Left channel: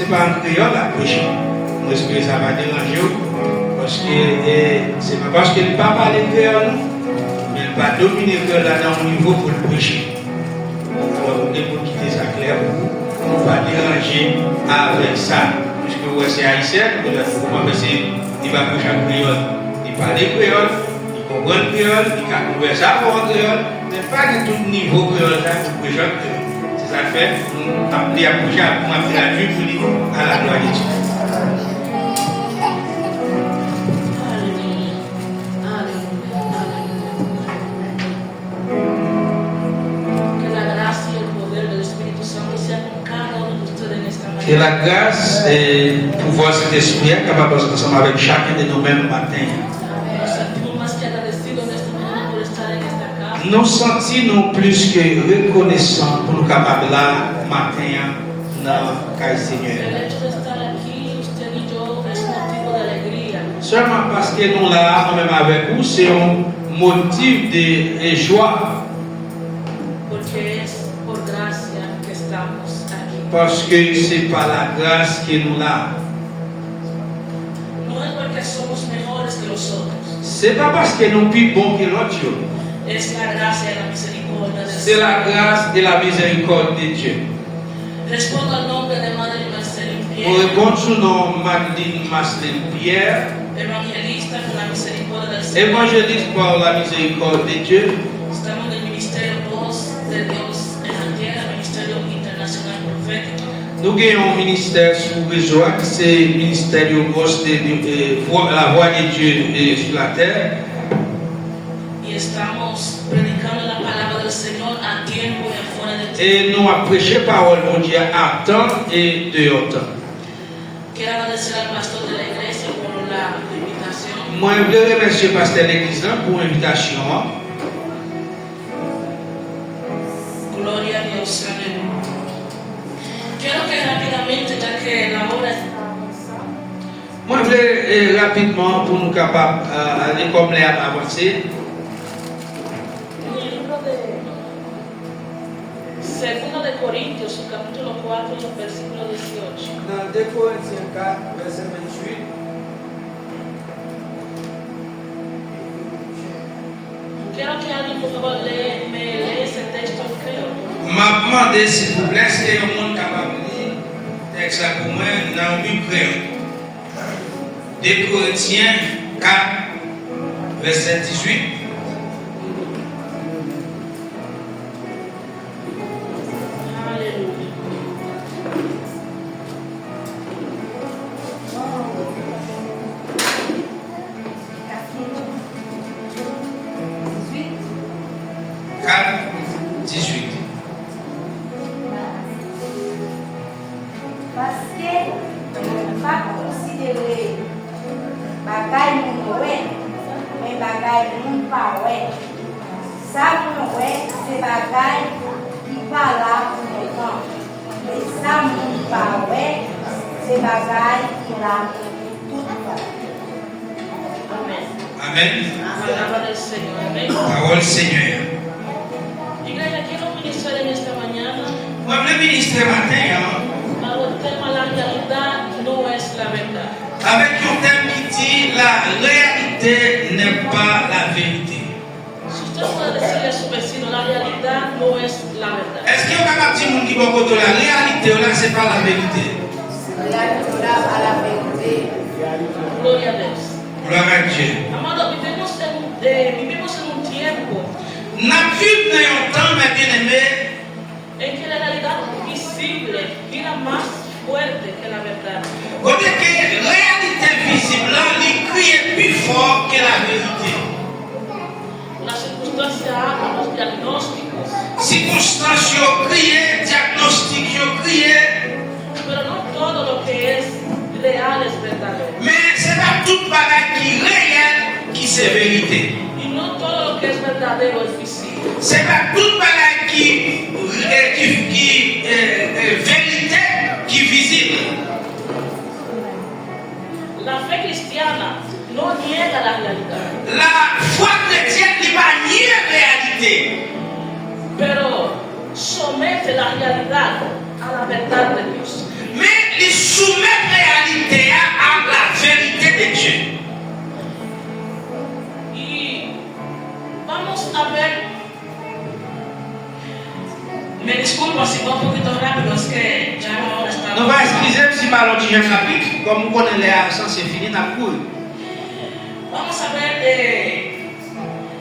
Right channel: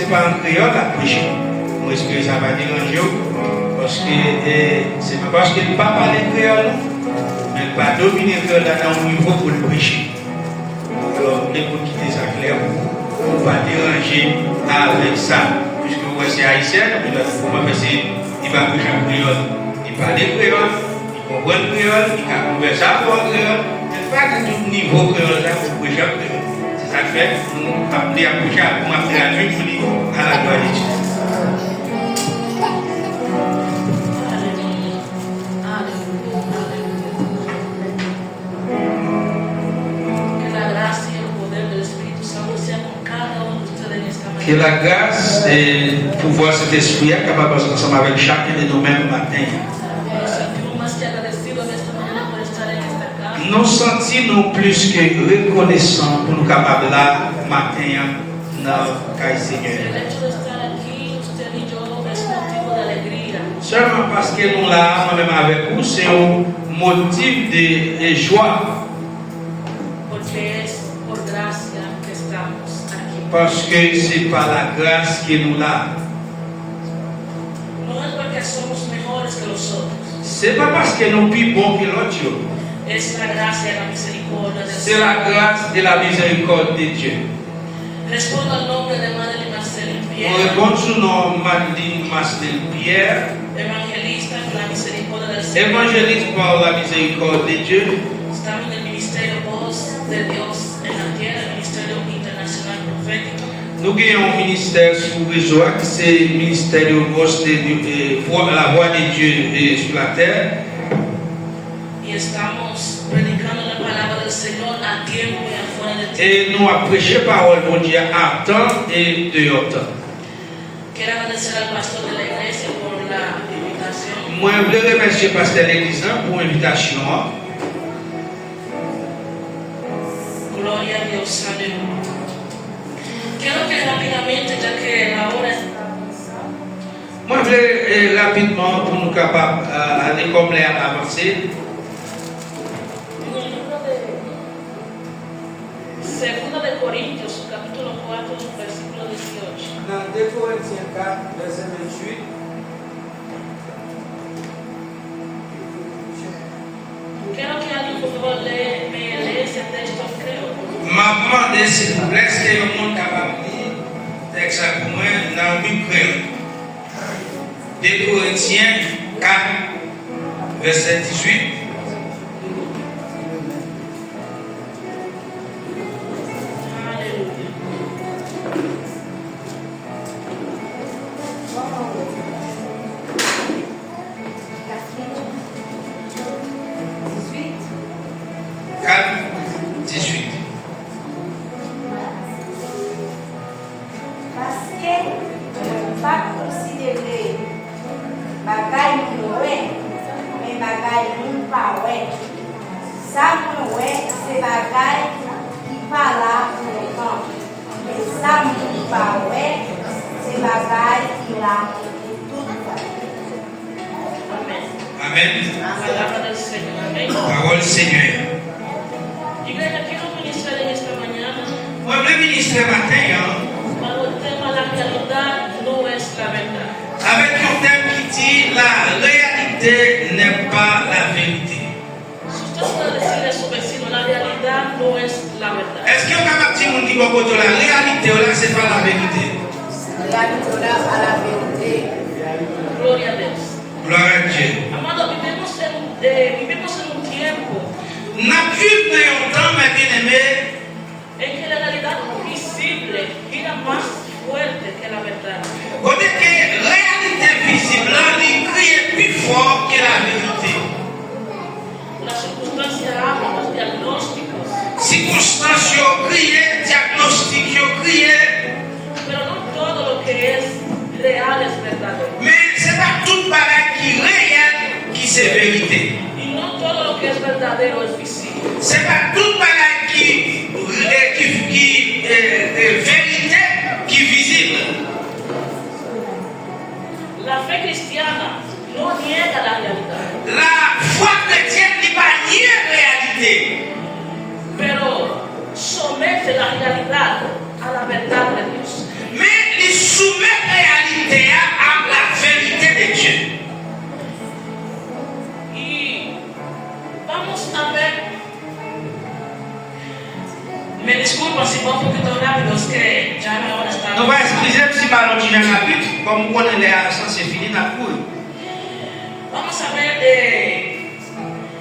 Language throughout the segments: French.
c'est pas un créole à prêcher. Moi, est-ce que ça va déranger? Parce que c'est pas parce qu'il ne parle pas de créole, mais il va dominer le créole dans mon niveau pour le prêcher. Alors, il faut quitter ça clair. On ne va pas déranger avec ça. Puisque ouais, c'est haïtien, il va prêcher en créole. Il parle de créole, il comprend le créole, il a couvert ça pour le créole. C'est pas de tout niveau créole là pour prêcher en créole. C'est ça que fait, on appeler à prêcher, on appeler à lui à la gloire de Dieu. Que la grâce et le pouvoir de cet esprit est capable d'être ensemble avec chacun de nous mêmes matin. Nous sentons plus que reconnaissants pour nous capables là matin dans le Seigneur. Seulement parce que nous là, moi-même avec vous, c'est un motif de joie. Parce que c'est par la grâce que nous là. C'est pas parce que nous sommes plus bons que l'autre. C'est la grâce de la miséricorde de Dieu. On répond sous le nom de Madeleine Marcel Pierre, évangéliste par la miséricorde de Dieu. Nous avons un ministère sous besoin, c'est le ministère de la voix de Dieu sur la terre. Et nous avons prêché la parole de Dieu à temps et dehors temps. Moi, je voulais remercier le pasteur de l'église pour l'invitation. Gloria a Dios, amén. Quiero que rápidamente, ya que la hora está avanzando. Moi, je voulais rapidement, pour nous capables aller comme les avancer. En el libro de Segunda de Corintios, capítulo 4, versículo 18. Dans 2 Corinthiens 4, verset 28. Quiero que alguien, por favor, me lee ese texto en creole. Ma demande, s'il vous plaît, est-ce qu'il y a un monde capable de lire texte pour moi dans le Bible créole? 2 Corinthiens 4, verset 18. Amen. Palabra del Señor. Amén. Parole du Seigneur. Iglesia, quiero ministrar en esta mañana. Moi, je voulais ministrer matin Bajo el tema la realidad no es la verdad. avec un thème qui dit la réalité n'est pas la vérité. Si usted puede decirle a su vecino, la realidad no es la verdad. Est-ce que vous avez dit mon qui va côté la réalité ou là c'est pas la vérité? Gloria a Dios. Gloire à Dieu. Amado, vivimos en un tiempo N'a vu dans un temps, mes bien-aimés, en que la realidad visible gira más fuerte que la verdad. on dit que la réalité visible, elle crie plus fort que la vérité. Las circunstancias hablan, los diagnósticos, Circonstances criées, diagnostics criées, pero no todo lo que es real es verdadero. mais c'est pas toute bagarre qui est réelle qui c'est vérité. Y no todo lo que es verdadero es visible. C'est pas toute bagarre qui est vérité qui est visible. La fe cristiana no niega la realidad, La foi chrétienne n'est pas nier la réalité, pero somete la realidad a la verdad de Dios. mais les soumettre la réalité à la vérité de Dieu. Y vamos a ver. Me disculpo si va un poquito rápido, es que ya la hora está. Nous allons excuser si parlons du chapitre, comme on connaît les accents, c'est fini, n'a cool. Vamos a ver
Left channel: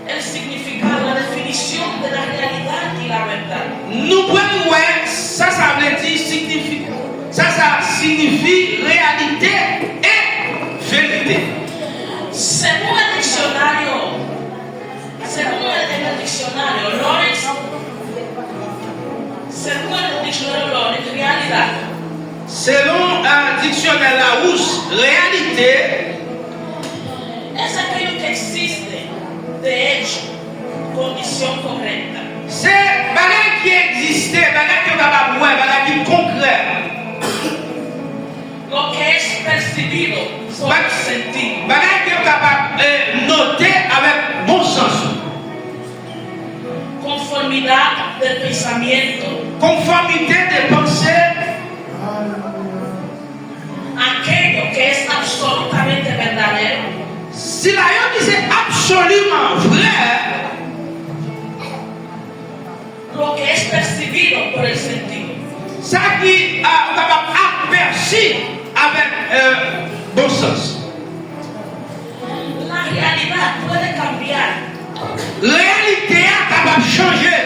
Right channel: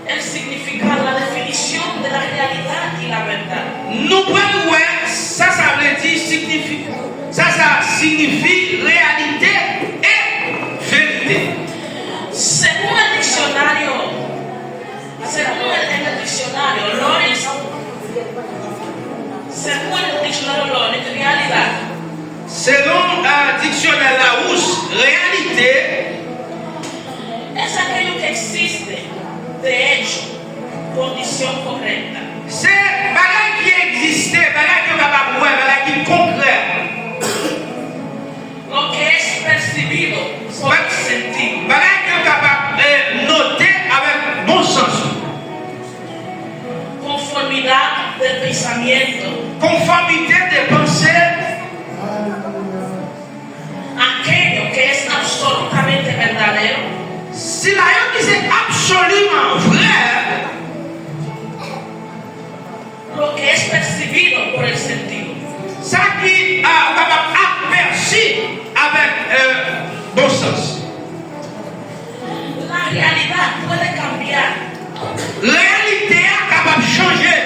el significado, la definición de la realidad y la verdad. Nous prenons, ouais, ça veut dire signifie. Ça signifie réalité et vérité. Según el diccionario, Lawrence, realidad. Selon un dictionnaire Larousse, réalité es aquello que existe, de hecho, condición correcta. C'est bagage qui existe, bagage qui est capable de voir, bagage qui est concret. Lo que es percibido por el sentido. Bagage qui est capable de noter avec bon sens. Conformidad del pensamiento. Conformité des pensées. Aquello que es absolutamente verdadero. Si la Bible dit c'est absolument vrai, lo que es percibido por el sentido. Ça qui est capable aperçu avec bon sens. La realidad puede cambiar. Réalité est capable de changer.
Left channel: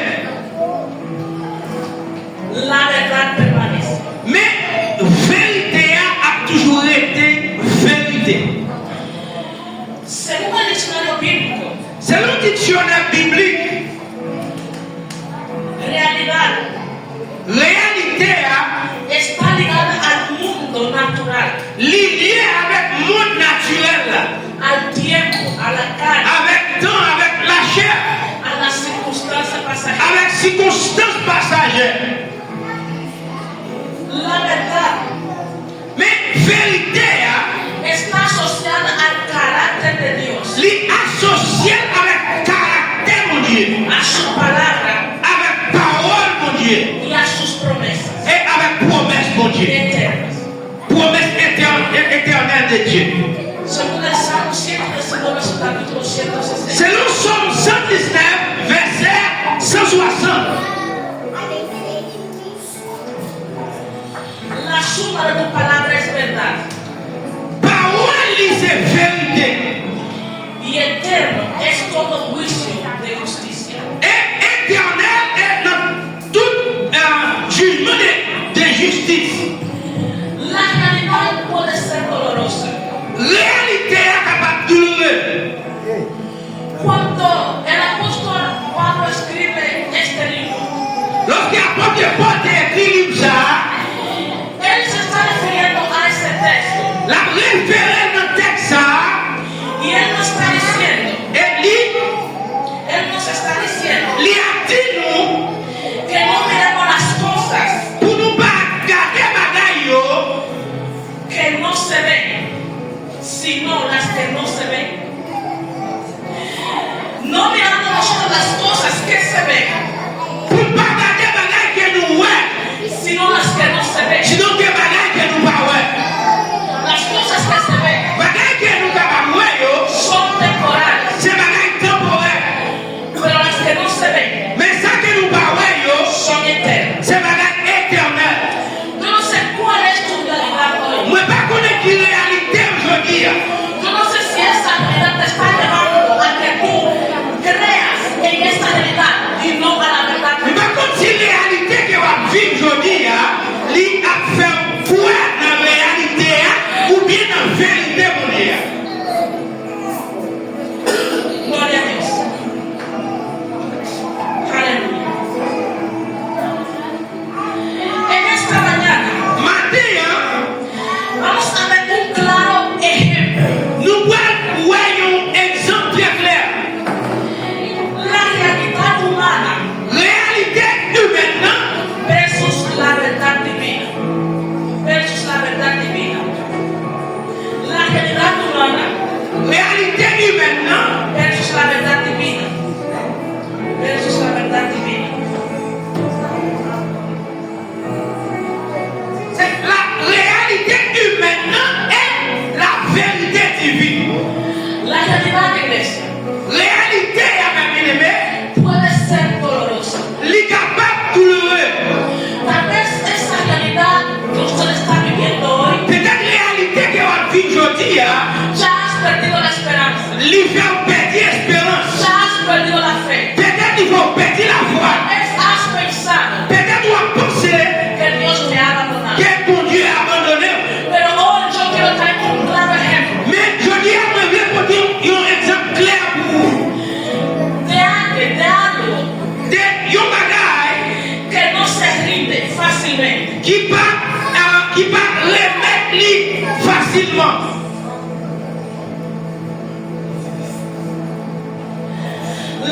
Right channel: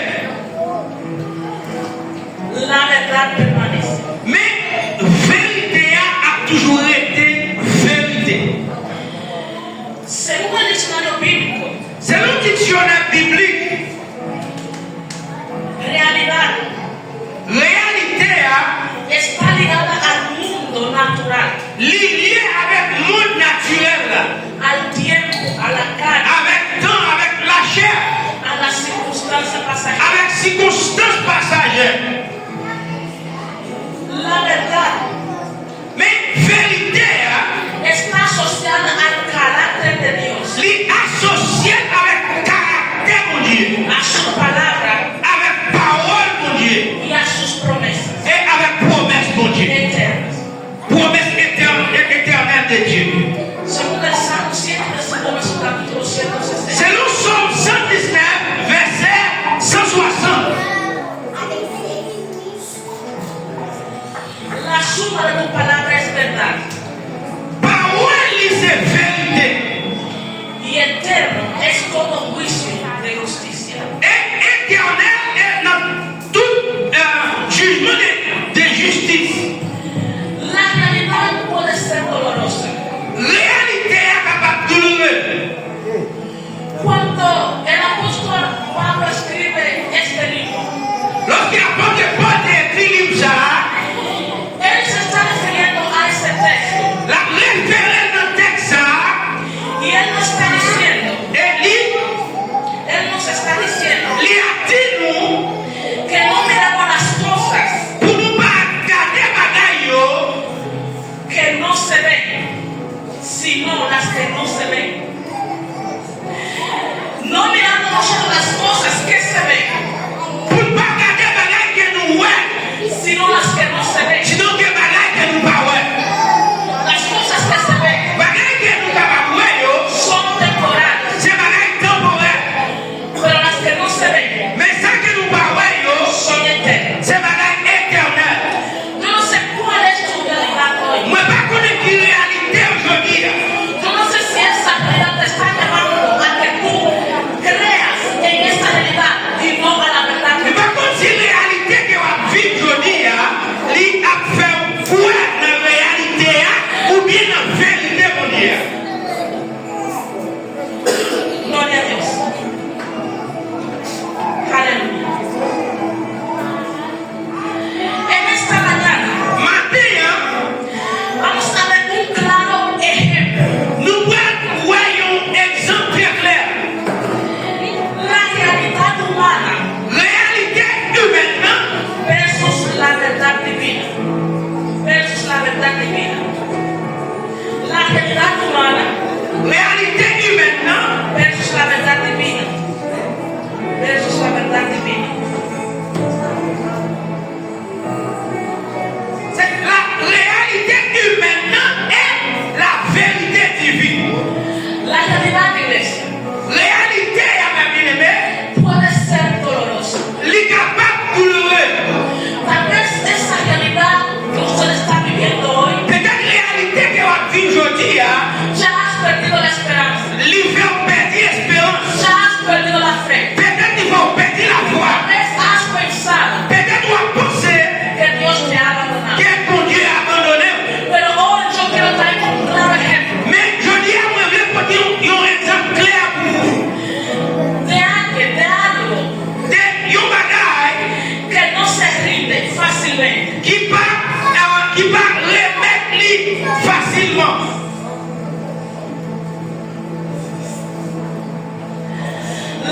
La verdad permanece. Mais vérité a toujours été vérité. Según el diccionario bíblico, Selon le dictionnaire biblique, réalité está ligada al mundo natural, liée avec le monde naturel, al tiempo, a la carne, avec temps, avec la chair, a las circunstancias pasajeras. avec circonstances passagères. La verdad Mais vérité está asociada al carácter de Dios, associée avec caractère mon Dieu, a su palabra avec parole mon Dieu y a sus promesas et avec promesse mon Dieu, eternas. promesse éternelle de Dieu. Según el Salmo 119, su capítulo 160. C'est le psaume 119, verset 160. La suma de tu palabra es verdad. Parole c'est vérité. Y eterno es todo juicio de justicia. Et éternel est dans tout jugement de justice. La realidad puede ser dolorosa. Réalité est capable de douloureuse. Cuando el apóstol Pablo escribe este libro, Lorsque l'apôtre Paul écrit ça, él se está refiriendo a ese texto. la référence dans le texte, Y él nos está diciendo, él nos está diciendo a dit nous, que no miramos las cosas pour nous pas garder bagaille, que no se ven, sino las que no se ven. No miramos nosotros las cosas que se ven, pour pas garder bagaille que nous ouais, sino las que no se ven. sinon que bagaille que nous pas ouais. Las cosas que se ven li facilement.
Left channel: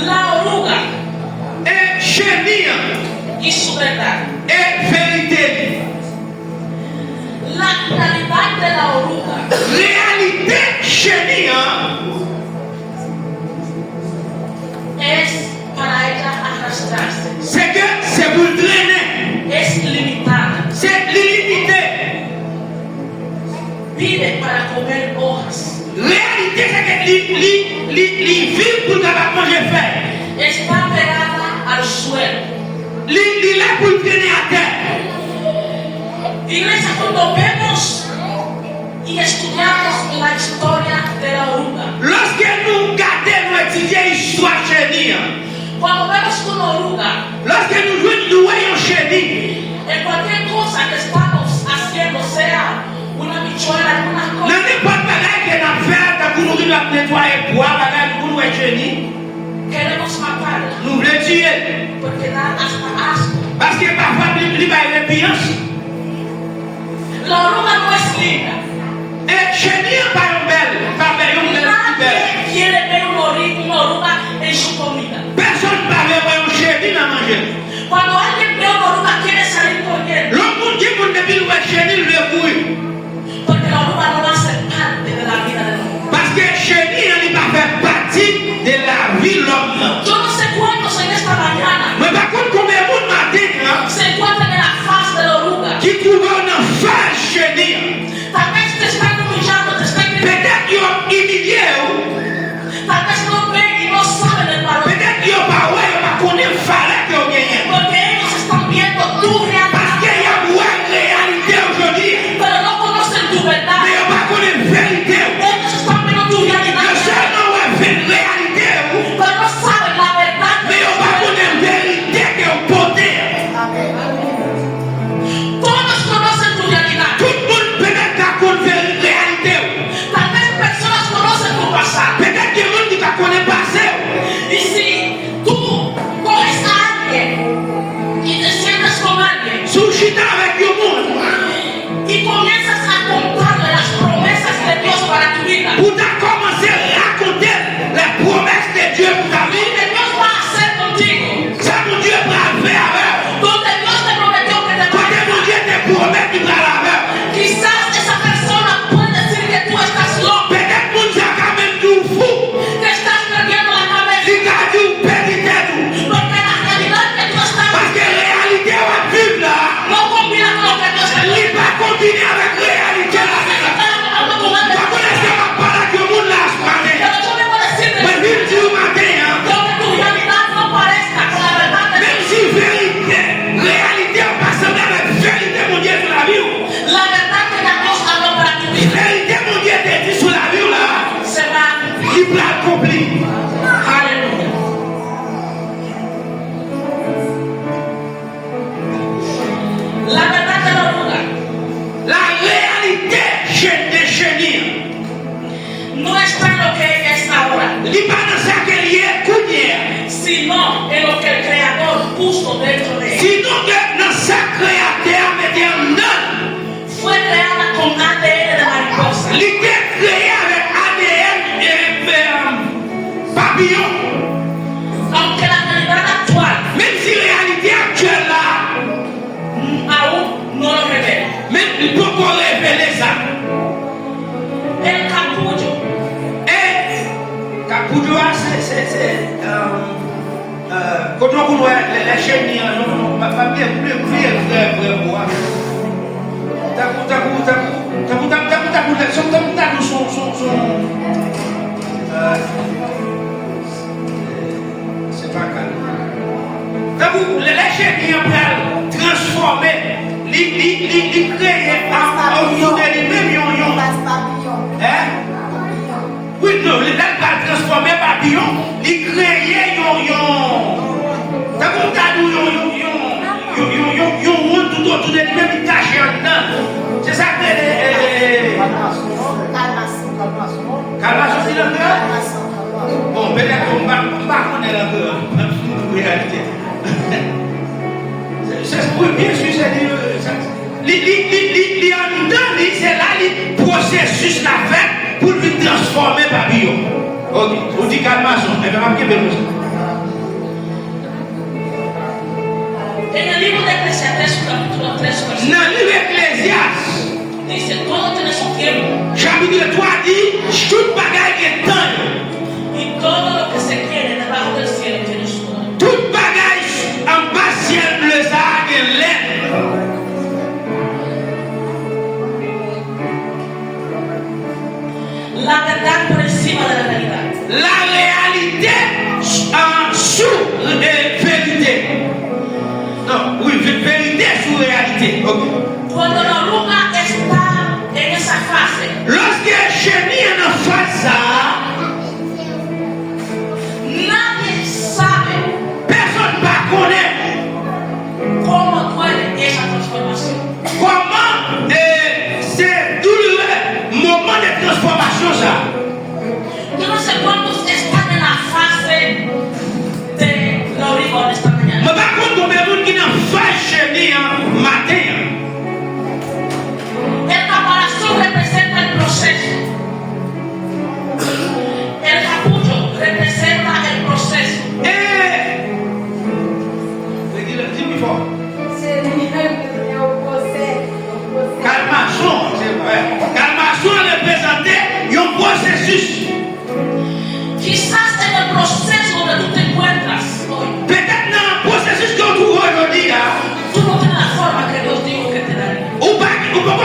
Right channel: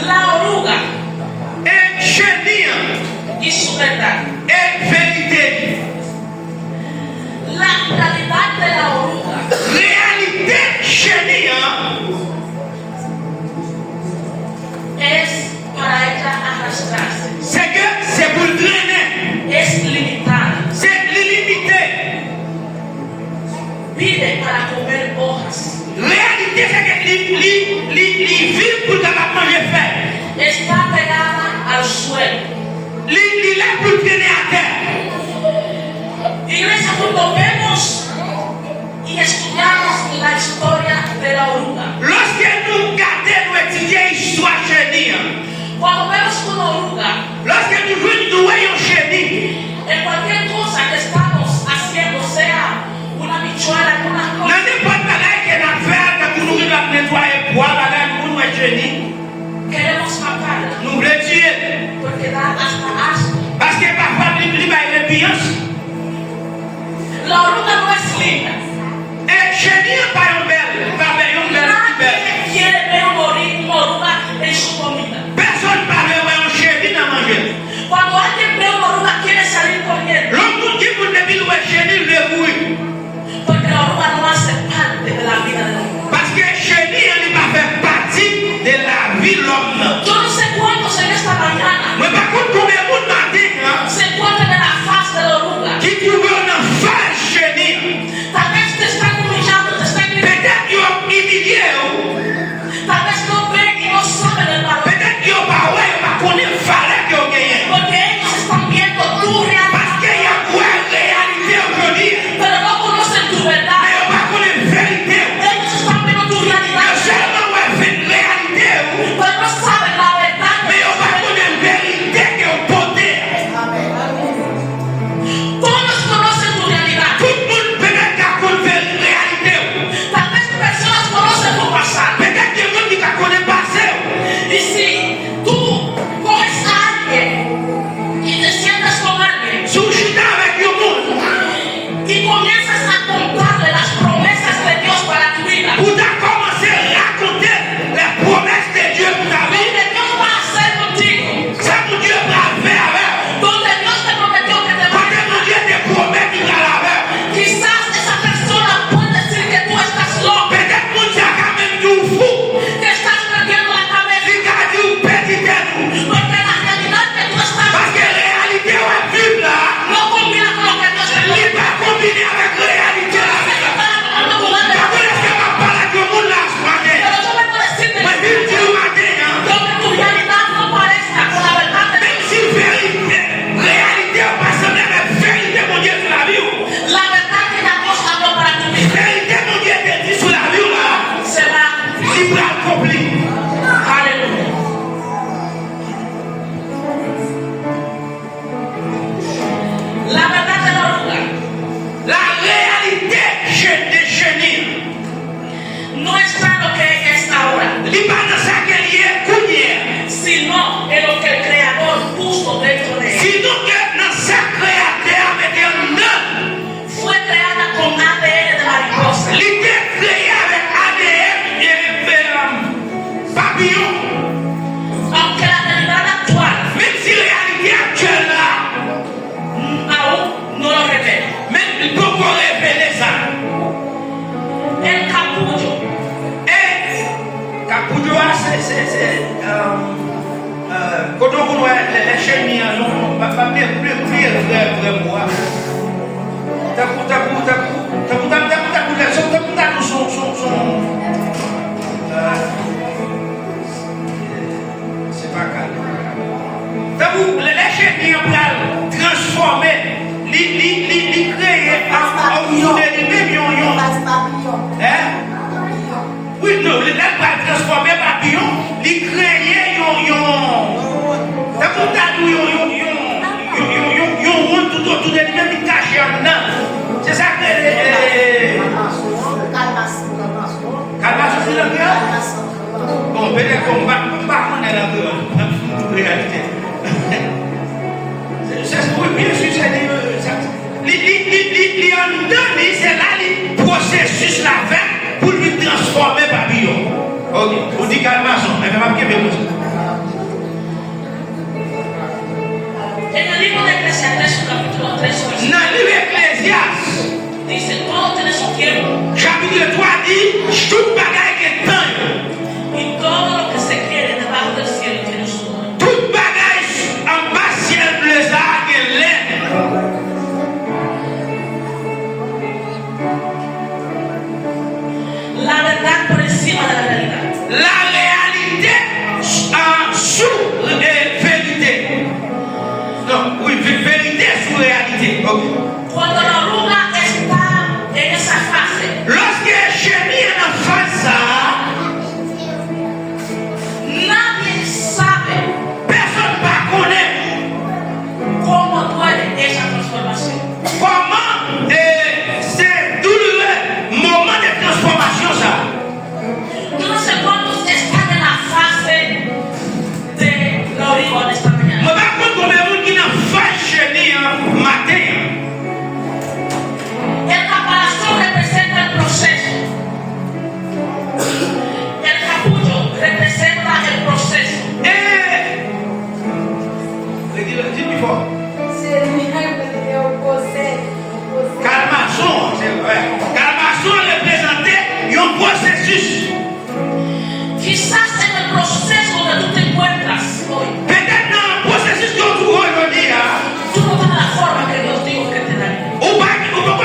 La oruga Et chenille y su verdad. et vérité. La finalidad de la oruga Réalité chenille es para ella arrastrarse. c'est que c'est pour traîner. Es limitada. C'est limité. Vive para comer hojas. Réalité c'est que li vit pour capable manger fer. Está pegada al suelo. Li là pour traîner à terre. Iglesia, cuando vemos y estudiamos la historia de la oruga, Lorsque nous regardons, nous étudions l'histoire chenille, cuando vemos una oruga, lorsque nous voyons chenille, en cualquier cosa que estamos haciendo, sea una bichuela, una dans cosa, n'importe bagaille que nous faisons, quand nous voulons nettoyer bois, bagaille pour nous chenille, queremos matarla, nous voulons tuer. porque da hasta asco. Parce que parfois, il y a une répugnance. La oruga no es linda. Et chenille, pas une belle, Nadie belle. quiere ver una oruga en su comida. Personne ne parle de chenille dans manger. Cuando alguien ve una oruga, quiere salir corriendo, L'autre qui vous dit qu'il va chenille, le bruit. porque la oruga no hace parte de la vida del hombre. Parce que chenille, il va faire partie de la vie de l'homme. Yo no sé cuántos en esta mañana Mais par contre, combien de monde matin, se encuentran en la faz de la oruga. qui trouvent une face chenille, Tal vez te están humillando, te están gritando. peut-être qu'ils ont humilié, Tal vez no ven y no saben el valor. peut-être qu'ils n'ont pas ouais, ils n'ont pas connu le valeur qu'ils ont gagné. Porque ellos están viendo tu Parce qu'il y realidad, a une réalité aujourd'hui, pero no conocen tu verdad. mais ils n'ont pas connu la vérité. Ellos están viendo tu Ils realidad, seulement ouais, fait une réalité, pero no saben la verdad. mais ils n'ont pas connu la vérité qui est portée. Todos conocen tu realidad. Tout le monde peut-être qui a connu la réalité. Tal vez personas conocen tu pasado. Peut-être qu'il y a des gens qui ne connaissent pas ça. Y si tú coges a alguien y te sientas con alguien Si vous chitez avec le monde, y comienzas a contarle las promesas de Dios para tu vida, pour commencer à raconter les promesses de Dieu pour ta lo vie, que Dios va a hacer contigo, ça mon Dieu va faire avec. donde Dios te prometió que te va Quand a mon Dieu te promet qu'il va la faire, quizás esa persona puede decir que tú estás loco, peut-être mon Dieu a quand même dit fou, que estás perdiendo la cabeza, il a dit petit tout. porque la realidad que Dios está Parce que la réalité va vivre là, no combina con lo que Dios te il va combiner avec la réalité là. Pas pour laisser ma parole que le monde là ce matin. Pero yo vengo a decirte Mais il dit le matin, hein, que aunque tu realidad no parezca con la verdad de même Dios, si vérité, réalité va pas sembler avec vérité, mon Dieu, sur la vie. la verdad que ya Dios habló para tu vida Vérité, mon Dieu, te dit sur la vie là, se va. il va accomplir. Aleluya. La verdad de la oruga La réalité de chenille, no está en lo que ella es ahora, il n'est pas dans ça qu'elle y est couillère. sino en lo que el Creador puso dentro de ella. Sinon que dans sa créateur mettait un homme, Fue creada con ADN de mariposa. il était créé avec ADN et papillon. Aunque la realidad actual Même si la réalité actuelle là, aún no lo revela. même il peut pas révéler ça. El capullo Et Capoudio, c'est quand on voit les chenilles, on va pas bien prier le vrai bois. C'est pas calme. Les chenilles ont transformé, les créer en lui-même. Hein? Oui, non, les gens vont transformer papillon, les créer, t'as tout autour de lui-même, ils cachent en dedans. C'est ça que. Calmas, c'est le meilleur. Bon, peut-être qu'on va connaître un peu la réalité. C'est ce que bien sûr, c'est les en dedans, c'est là le processus la fait pour lui transformer papillon. Ok, vous dites calmation, elle va me En el libro de Eclesiastés, capítulo 3, dans le livre Ecclésiaste, dice, todo tiene su tiempo chapitre 3 dit, tout bagaille est temps. y todo lo que se quiere debajo del cielo tiene su hora. Tout bagaille en bas ciel bleu ça a l'air. La verdad por encima de la realidad. La réalité en sous vérité. Non, oui, vérité sous réalité. Okay. Cuando la oruga está en esa fase, Lorsque chenille est en face ça, nadie sabe personne ne connaît cómo duele esa transformación. comment c'est douloureux moment de transformation ça. Yo no sé cuántos están en la fase de la oruga esta mañana. Mais par contre, combien de monde qui n'ont pas chenille matin? El caparazón representa el proceso. El capullo representa el proceso. Dis-moi fort. Calmation, c'est vrai. Calmation représentait un processus. Quizás en el proceso donde tú te encuentras hoy, Peut-être dans le processus que vous aujourd'hui, tú no tienes la forma que Dios dijo que te daría. ou pas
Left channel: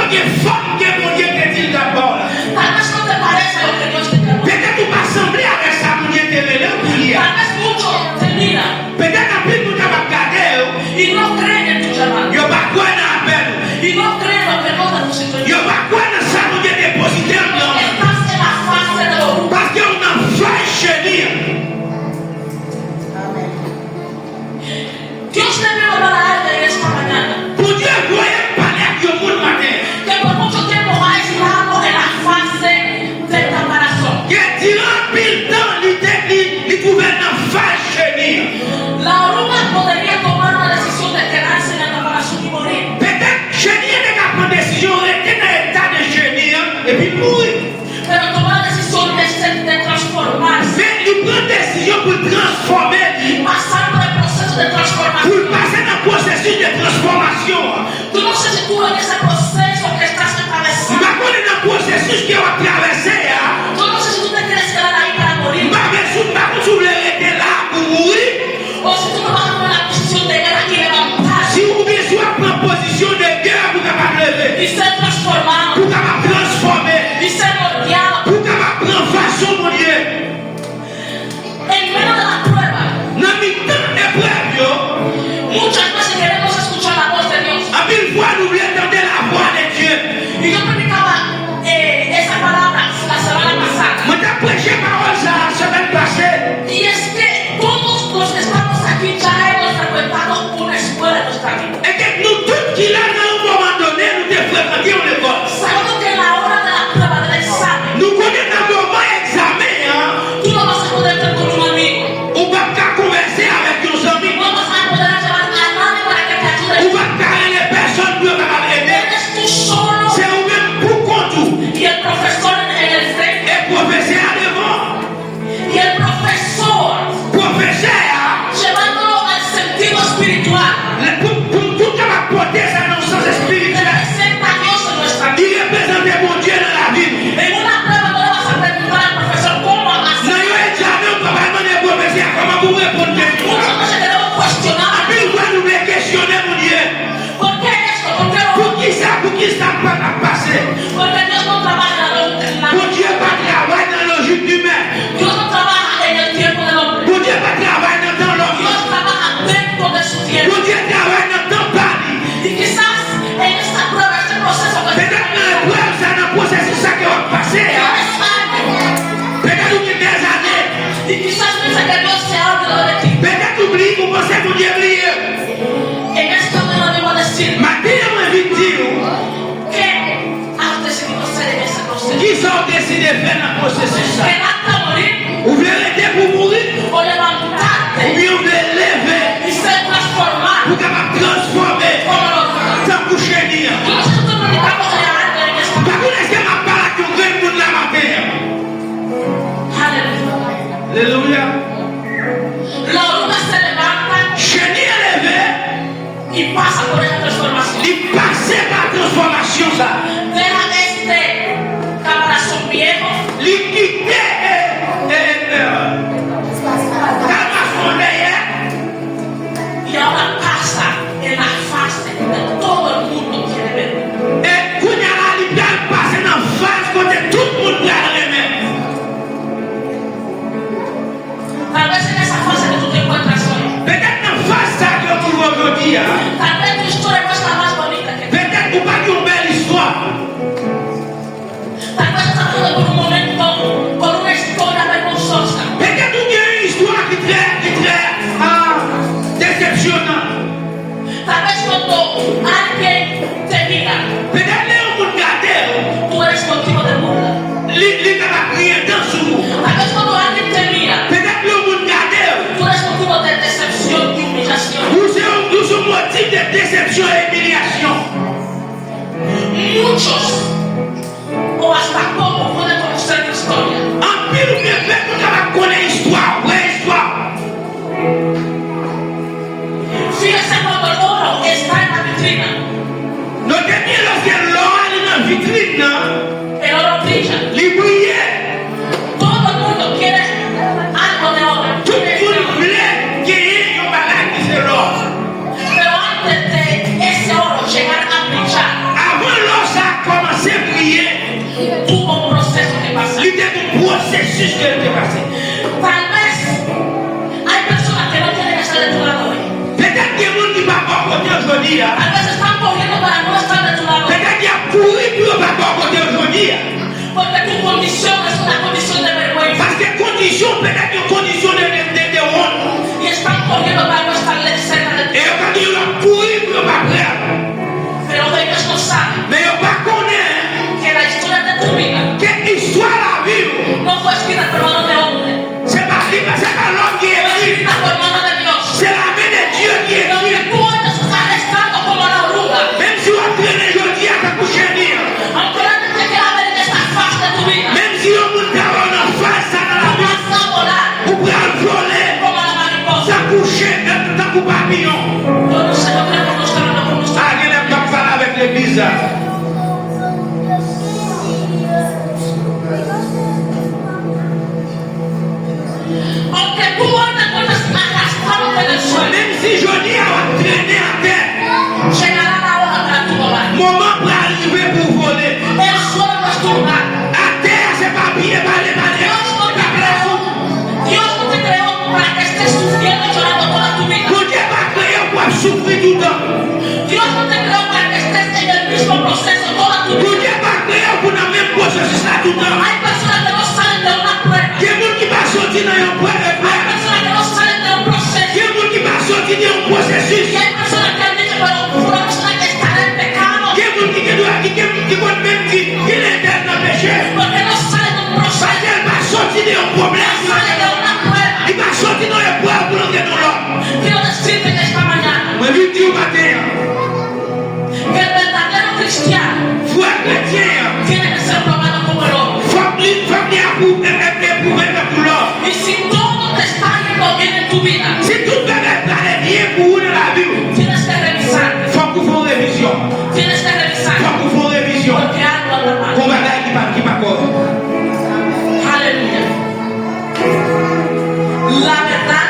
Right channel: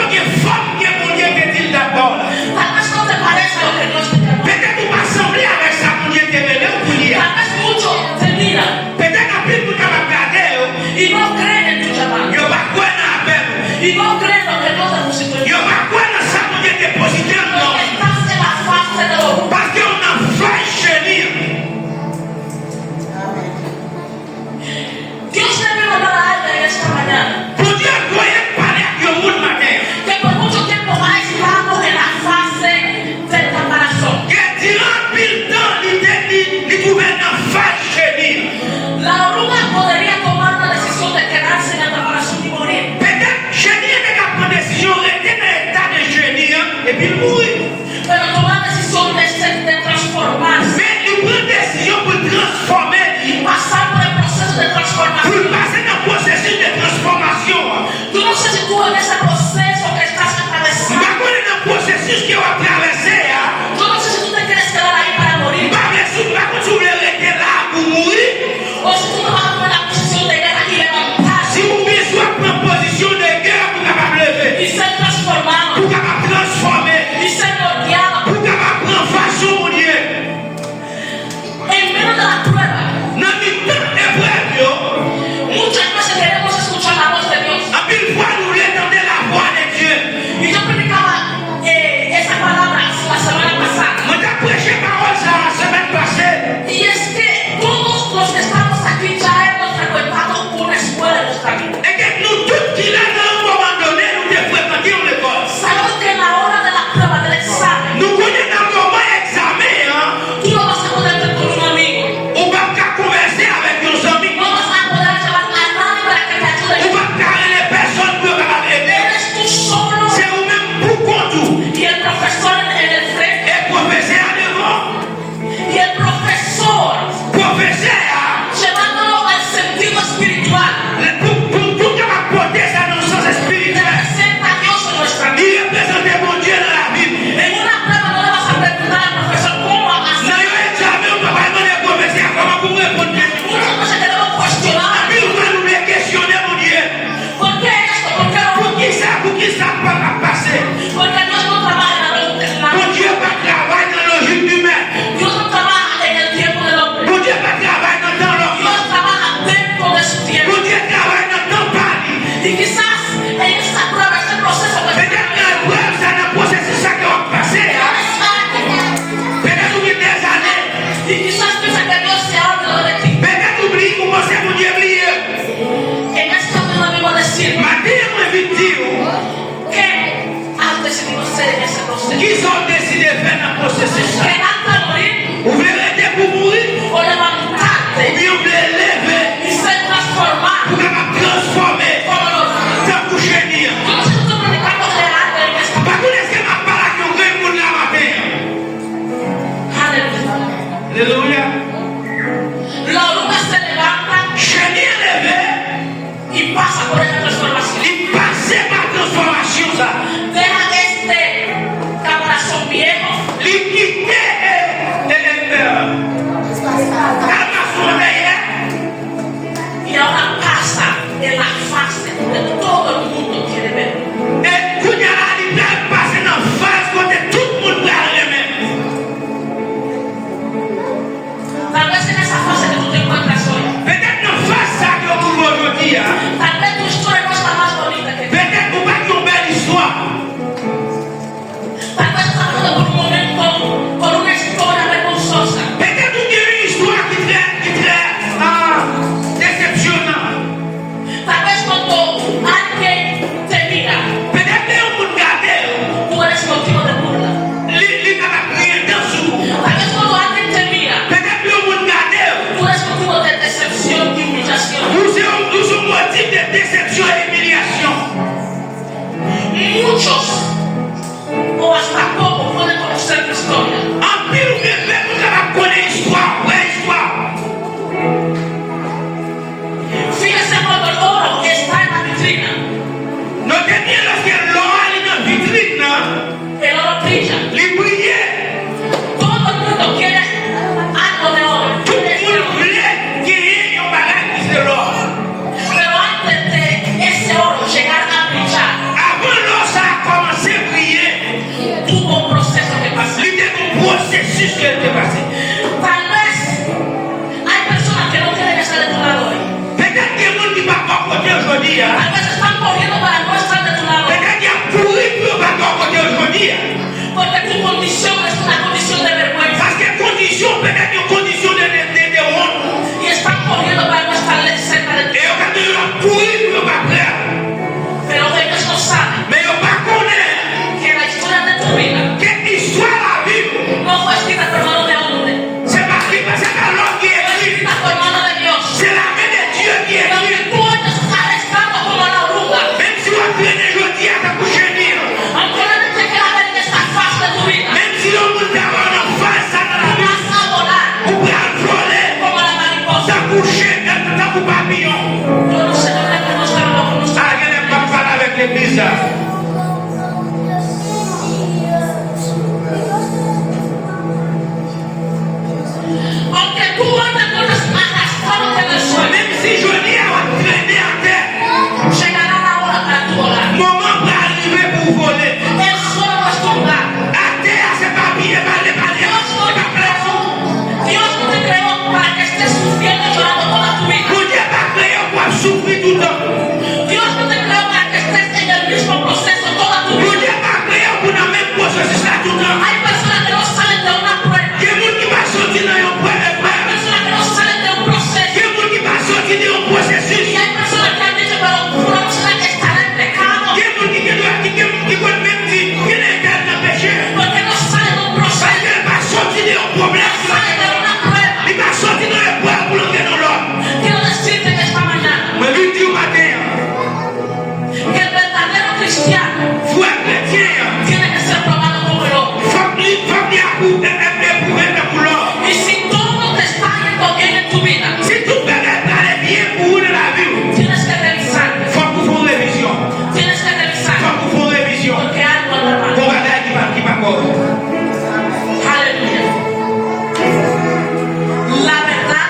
qu'il y ait forme que mon Dieu te dit d'abord. Tal vez no te parece lo que Dios te llamó. Peut-être tu vas sembler avec ça, mon Dieu te lève pour lire. Tal vez muchos te miran Peut-être après tout tu vas regarder, y no creen en tu llamado. il n'y a pas quoi dans la peine. Y no creen lo que Dios depositó en Il n'y ti. a pas quoi dans ça, mon Dieu déposité en Porque nous. estás en la fase de la oruga. Parce qu'on a fait chenir. Dios te vino a dar a alguien en esta mañana Pour Dieu, voyez parler avec le monde matin. que por mucho tiempo ha estado en la fase del caparazón. Que durant mille temps, il trouvait dans fait chenir. La oruga podría tomar la decisión de quedarse en el caparazón y morir. Peut-être chenir n'est qu'à prendre décision, rester dans l'état de chenir et puis mourir. Pero tomar la decisión de transformarse, Mais il prend décision pour transformer, pasar por el proceso de pour transformación. passer dans le processus de transformation. Tú no sé si tú en ese proceso que estás Je atravesando, ne connais pas le processus qui va traverser. tú no sé si tú te quieres quedar ahí para Je morir, ne sais pas si vous voulez rester là pour mourir. o si tú te vas a tomar la posición de guerra y levantar Si vous voulez soit prendre position de guerre pour capable lever, y ser transformado pour capable transformer, y ser moldeado. pour capable prendre façon, mon Dieu. En medio de la prueba, Dans le temps épreuve, muchas veces queremos escuchar la voz de Dios. à mille fois nous voulons entendre la voix de Dieu. Y yo predicaba esa palabra la semana pasada. Moi, j'ai prêché parole ça la semaine passée. Y es que todos los que estamos aquí ya hemos frecuentado una escuela en nuestra vida. Et que nous tous qui là, dans un moment donné, nous devons fréquenter l'école. Sabemos que en la hora de la prueba del examen, Nous connaissons un moment examen, hein. tú no vas a poder estar con un amigo. On va pas converser avec nos amis. No vas a poder llevar a nadie para que te ayude. On va carrer les personnes pour capable aider. Eres tú solo C'est vous-même pour compte. y el profesor en el frente. Et professeur devant. Y el profesor Professeur, llevándolo al sentido espiritual. pour tout capable porter ça dans le sens spirituel. Representa a Dios en nuestra vida. Il représente mon Dieu dans la vie. En una prueba no le vas a preguntar al profesor cómo Dans hacer. l'examen, on va pas demander au professeur comment vous répondre à tout Muchas ça. veces queremos cuestionar. Mille fois nous les questionner, mon Dieu. ¿Por qué esto? ¿Por qué lo Pour qui ça peut pas passer? Porque Dios no trabaja en la Mon Dieu pas travailler dans la logique humaine. Dios no trabaja en el tiempo del hombre. Mon Dieu pas travailler dans le temps Dios l'homme. trabaja dentro de su tiempo. Mon Dieu travaille dans le temps parli. Y quizás en esta prueba, este proceso que Peut-être dans l'épreuve, ça dans le processus ça qui va passer. Hein? tienes años, Peut-être oublie des années. y quizás piensa que Dios se ha olvidado de ti. Peut-être oublie comment c'est mon Dieu oublié. En esto me lo vivo a decir Matin, moi, je dis, que has decidido hacer en ese proceso. qui sont décidés de faire dans le processus ça? Quedarte a morir Vous voulez rester pour mourir? o levantarte Ou bien vous voulez lever y ser transformado pour capable transformer como nosotros. dans le chenir? Nosotros predicamos en esta processus qu'elle est passée. Tal vez hay personas que no quieren estar de tu lado hoy. Peut-être qu'il y a des gens qui ne vont pas côté aujourd'hui. Tal vez están corriendo para no estar de tu lado. Peut-être qu'il y a couru pour ne pas côté aujourd'hui. Porque tu condición es una condición de vergüenza. Parce que condition, peut-être une condition de honte. Y están corriendo para no estar cerca de ti. Et quand tu vas courir pour ne pas prêt. Pero ellos no saben Mais ils ne pas connaître que la historia de tu vida que l'histoire la vie. no fue escrita por mano de hombre. C'est pas l'homme qui Fue écrit. escrita por mano de Dios. C'est la main de Dieu qui Lo que écrit. tú estás arrestando como la oruga. Même si on traîne aujourd'hui à ta coucher, Aunque la gente quiera ver en esta faz de tu vida, même si on vous d'abord en face à la vie, vas a volar vous pouvez voler, como la mariposa. s'accoucher, dans vos papillons. Yo no sé, no queremos mostrarlo con nosotros. Ah, il n'aime pas parler avec l'église. Aunque tú hoy te encuentres arrastrado en el suelo, Même si je dis à traîner à terre, llegará la hora para tu volar. moment pour arriver pour voler. El suelo no es tu lugar. À terre, c'est pas bien, pas les Dios no te creó para que estés sufriendo y llorando toda tu vida. Vous Dieu pas créé pour souffrir tout le temps. Dios no te creó para que estés en el mismo proceso toda tu Vous vida. Dieu pas créé pour le même processus là tout le temps. Hay personas que no salen de una prueba. Il y a des gens qui vont sortir dans un Hay personas que no salen de un proceso. Il y a des gens qui vont sortir dans un processus. Y hay personas que han dicho, pero una persona que estará en pecado. Il y a des gens qui vont même dire qu'il est éternel dans le péché. Porque no sale de un proceso. Parce qu'elle va sortir d'un problème. Sale de una prueba. Il va sortir dans le poids pour entrer dans l'autre. Quiero decirte que esta mañana Mais lui dit au matin, que el verdadero cristiano frère chrétien, tiene que ser probado como el oro. faut qu'il éprouver pour l'autre. Y si todo te está yendo bien en tu vida, Si tout le monde allait bien pour vous dans la vie, tienes que revisar. il faut que vous fassiez révision. Tienes que Il revisar. faut que vous fassiez révision. Porque algo anda mal. Pour bagaille qui va correr. Aleluya. La verdad,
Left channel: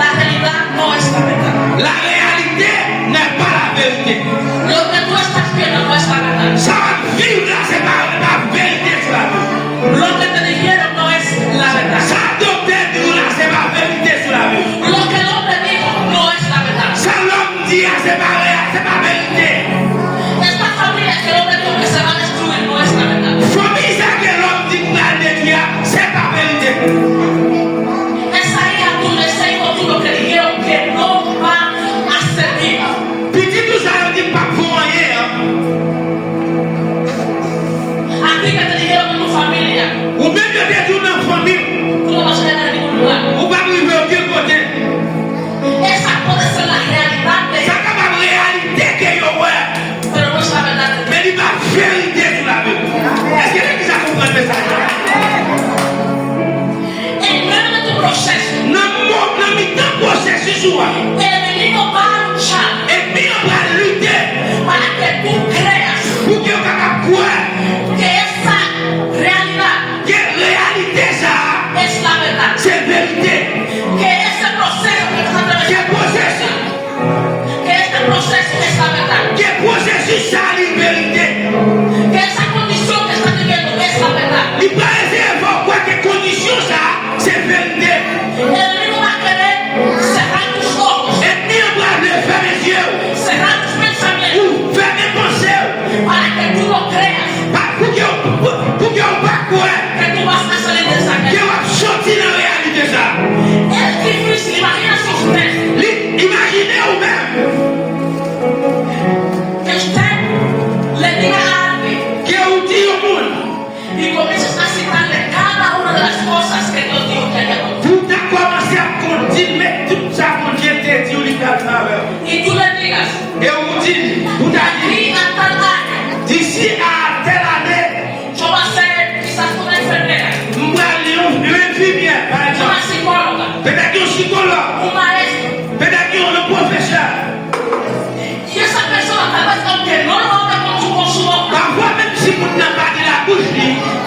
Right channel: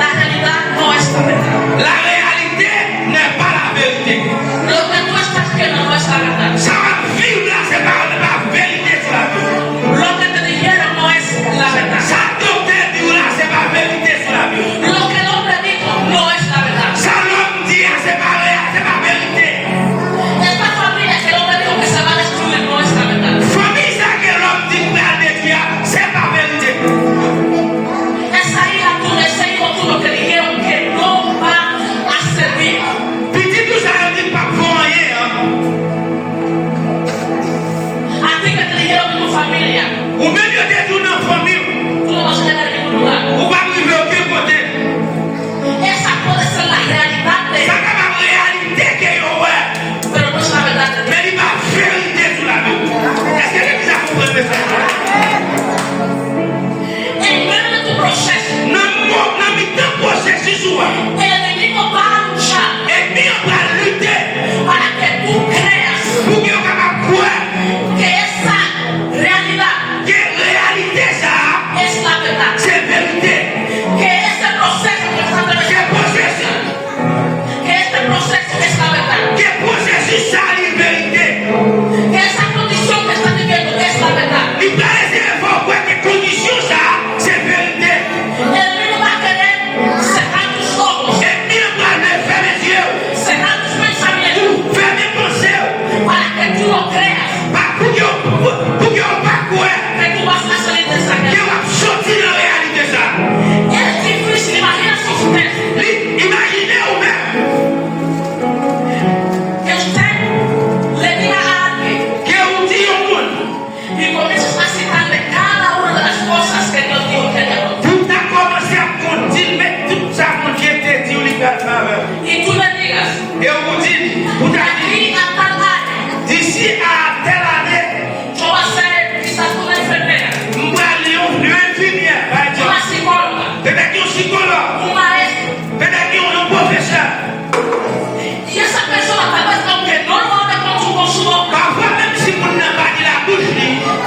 la realidad no es la verdad. La réalité n'est pas la vérité. Lo que tú estás viendo no es la verdad. Ça va vivre là, c'est pas la vérité sur la vie. Lo que te dijeron no es la verdad. Ça docteur dit là, c'est pas vérité sur la vie. Lo que el hombre dijo no es la verdad. Ça l'homme dit, c'est pas réel, c'est pas vérité. Esta familia que el hombre dijo que se va a destruir no es la verdad. Famille, ça que l'homme dit que la détruire, c'est pas vérité. Esa hija tuya, ese hijo tuyo que dijeron que no va a servir. Petit tout ça, il dit pas pour rien. A ti que te dijeron en tu familia, Ou même que t'es tout dans la famille, tú no vas a llegar a ningún lugar. ou pas arriver aucun côté. Esa puede ser la realidad de Ça él, comme la réalité qu'il y a, ouais. pero no es la verdad de Dios. Mais il va vérité sur la vie. Est-ce que l'église a compris le message? En medio de tu proceso, Dans le temps processus, el enemigo va a luchar et bien on va lutter para que tú creas pour que vous capable croire que esa realidad que réalité ça, es la verdad. c'est vérité. Que ese proceso que estás Que atravesando, processus, que este proceso es la verdad. que processus ça, c'est vérité. Que esa condición que estás viviendo es la verdad. Il va essayer de voir quoi que condition ça, c'est vérité. El enemigo va a querer cerrar tus ojos, Et bien on va le faire les yeux, cerrar tus pensamientos, ou faire mes pensées, para que tú no creas pour que on va croire que tú vas a salir de esa que guerra. on va sortir dans la réalité ça. Es difícil, imagínate usted Imaginez vous-même que usted le diga a alguien que vous dites au monde, y comiences a citarle cada una de las cosas que Dios dijo que haya contigo. vous avez commencé à conduire, mais tout ça qu'on Dieu t'a dit, on lui fait à travers. Y tú le digas, Et on vous dit, vous avez dit, aquí a tal año, d'ici à telle année, yo voy a ser quizás una enfermera, on va aller une infirmière, par una exemple. psicóloga, Peut-être qu'il y a un psychologue, un maestro. peut-être qu'il y a un professeur. Y esa persona tal vez aunque no lo hable con su boca, Parfois, même si on n'a pas de la bouche,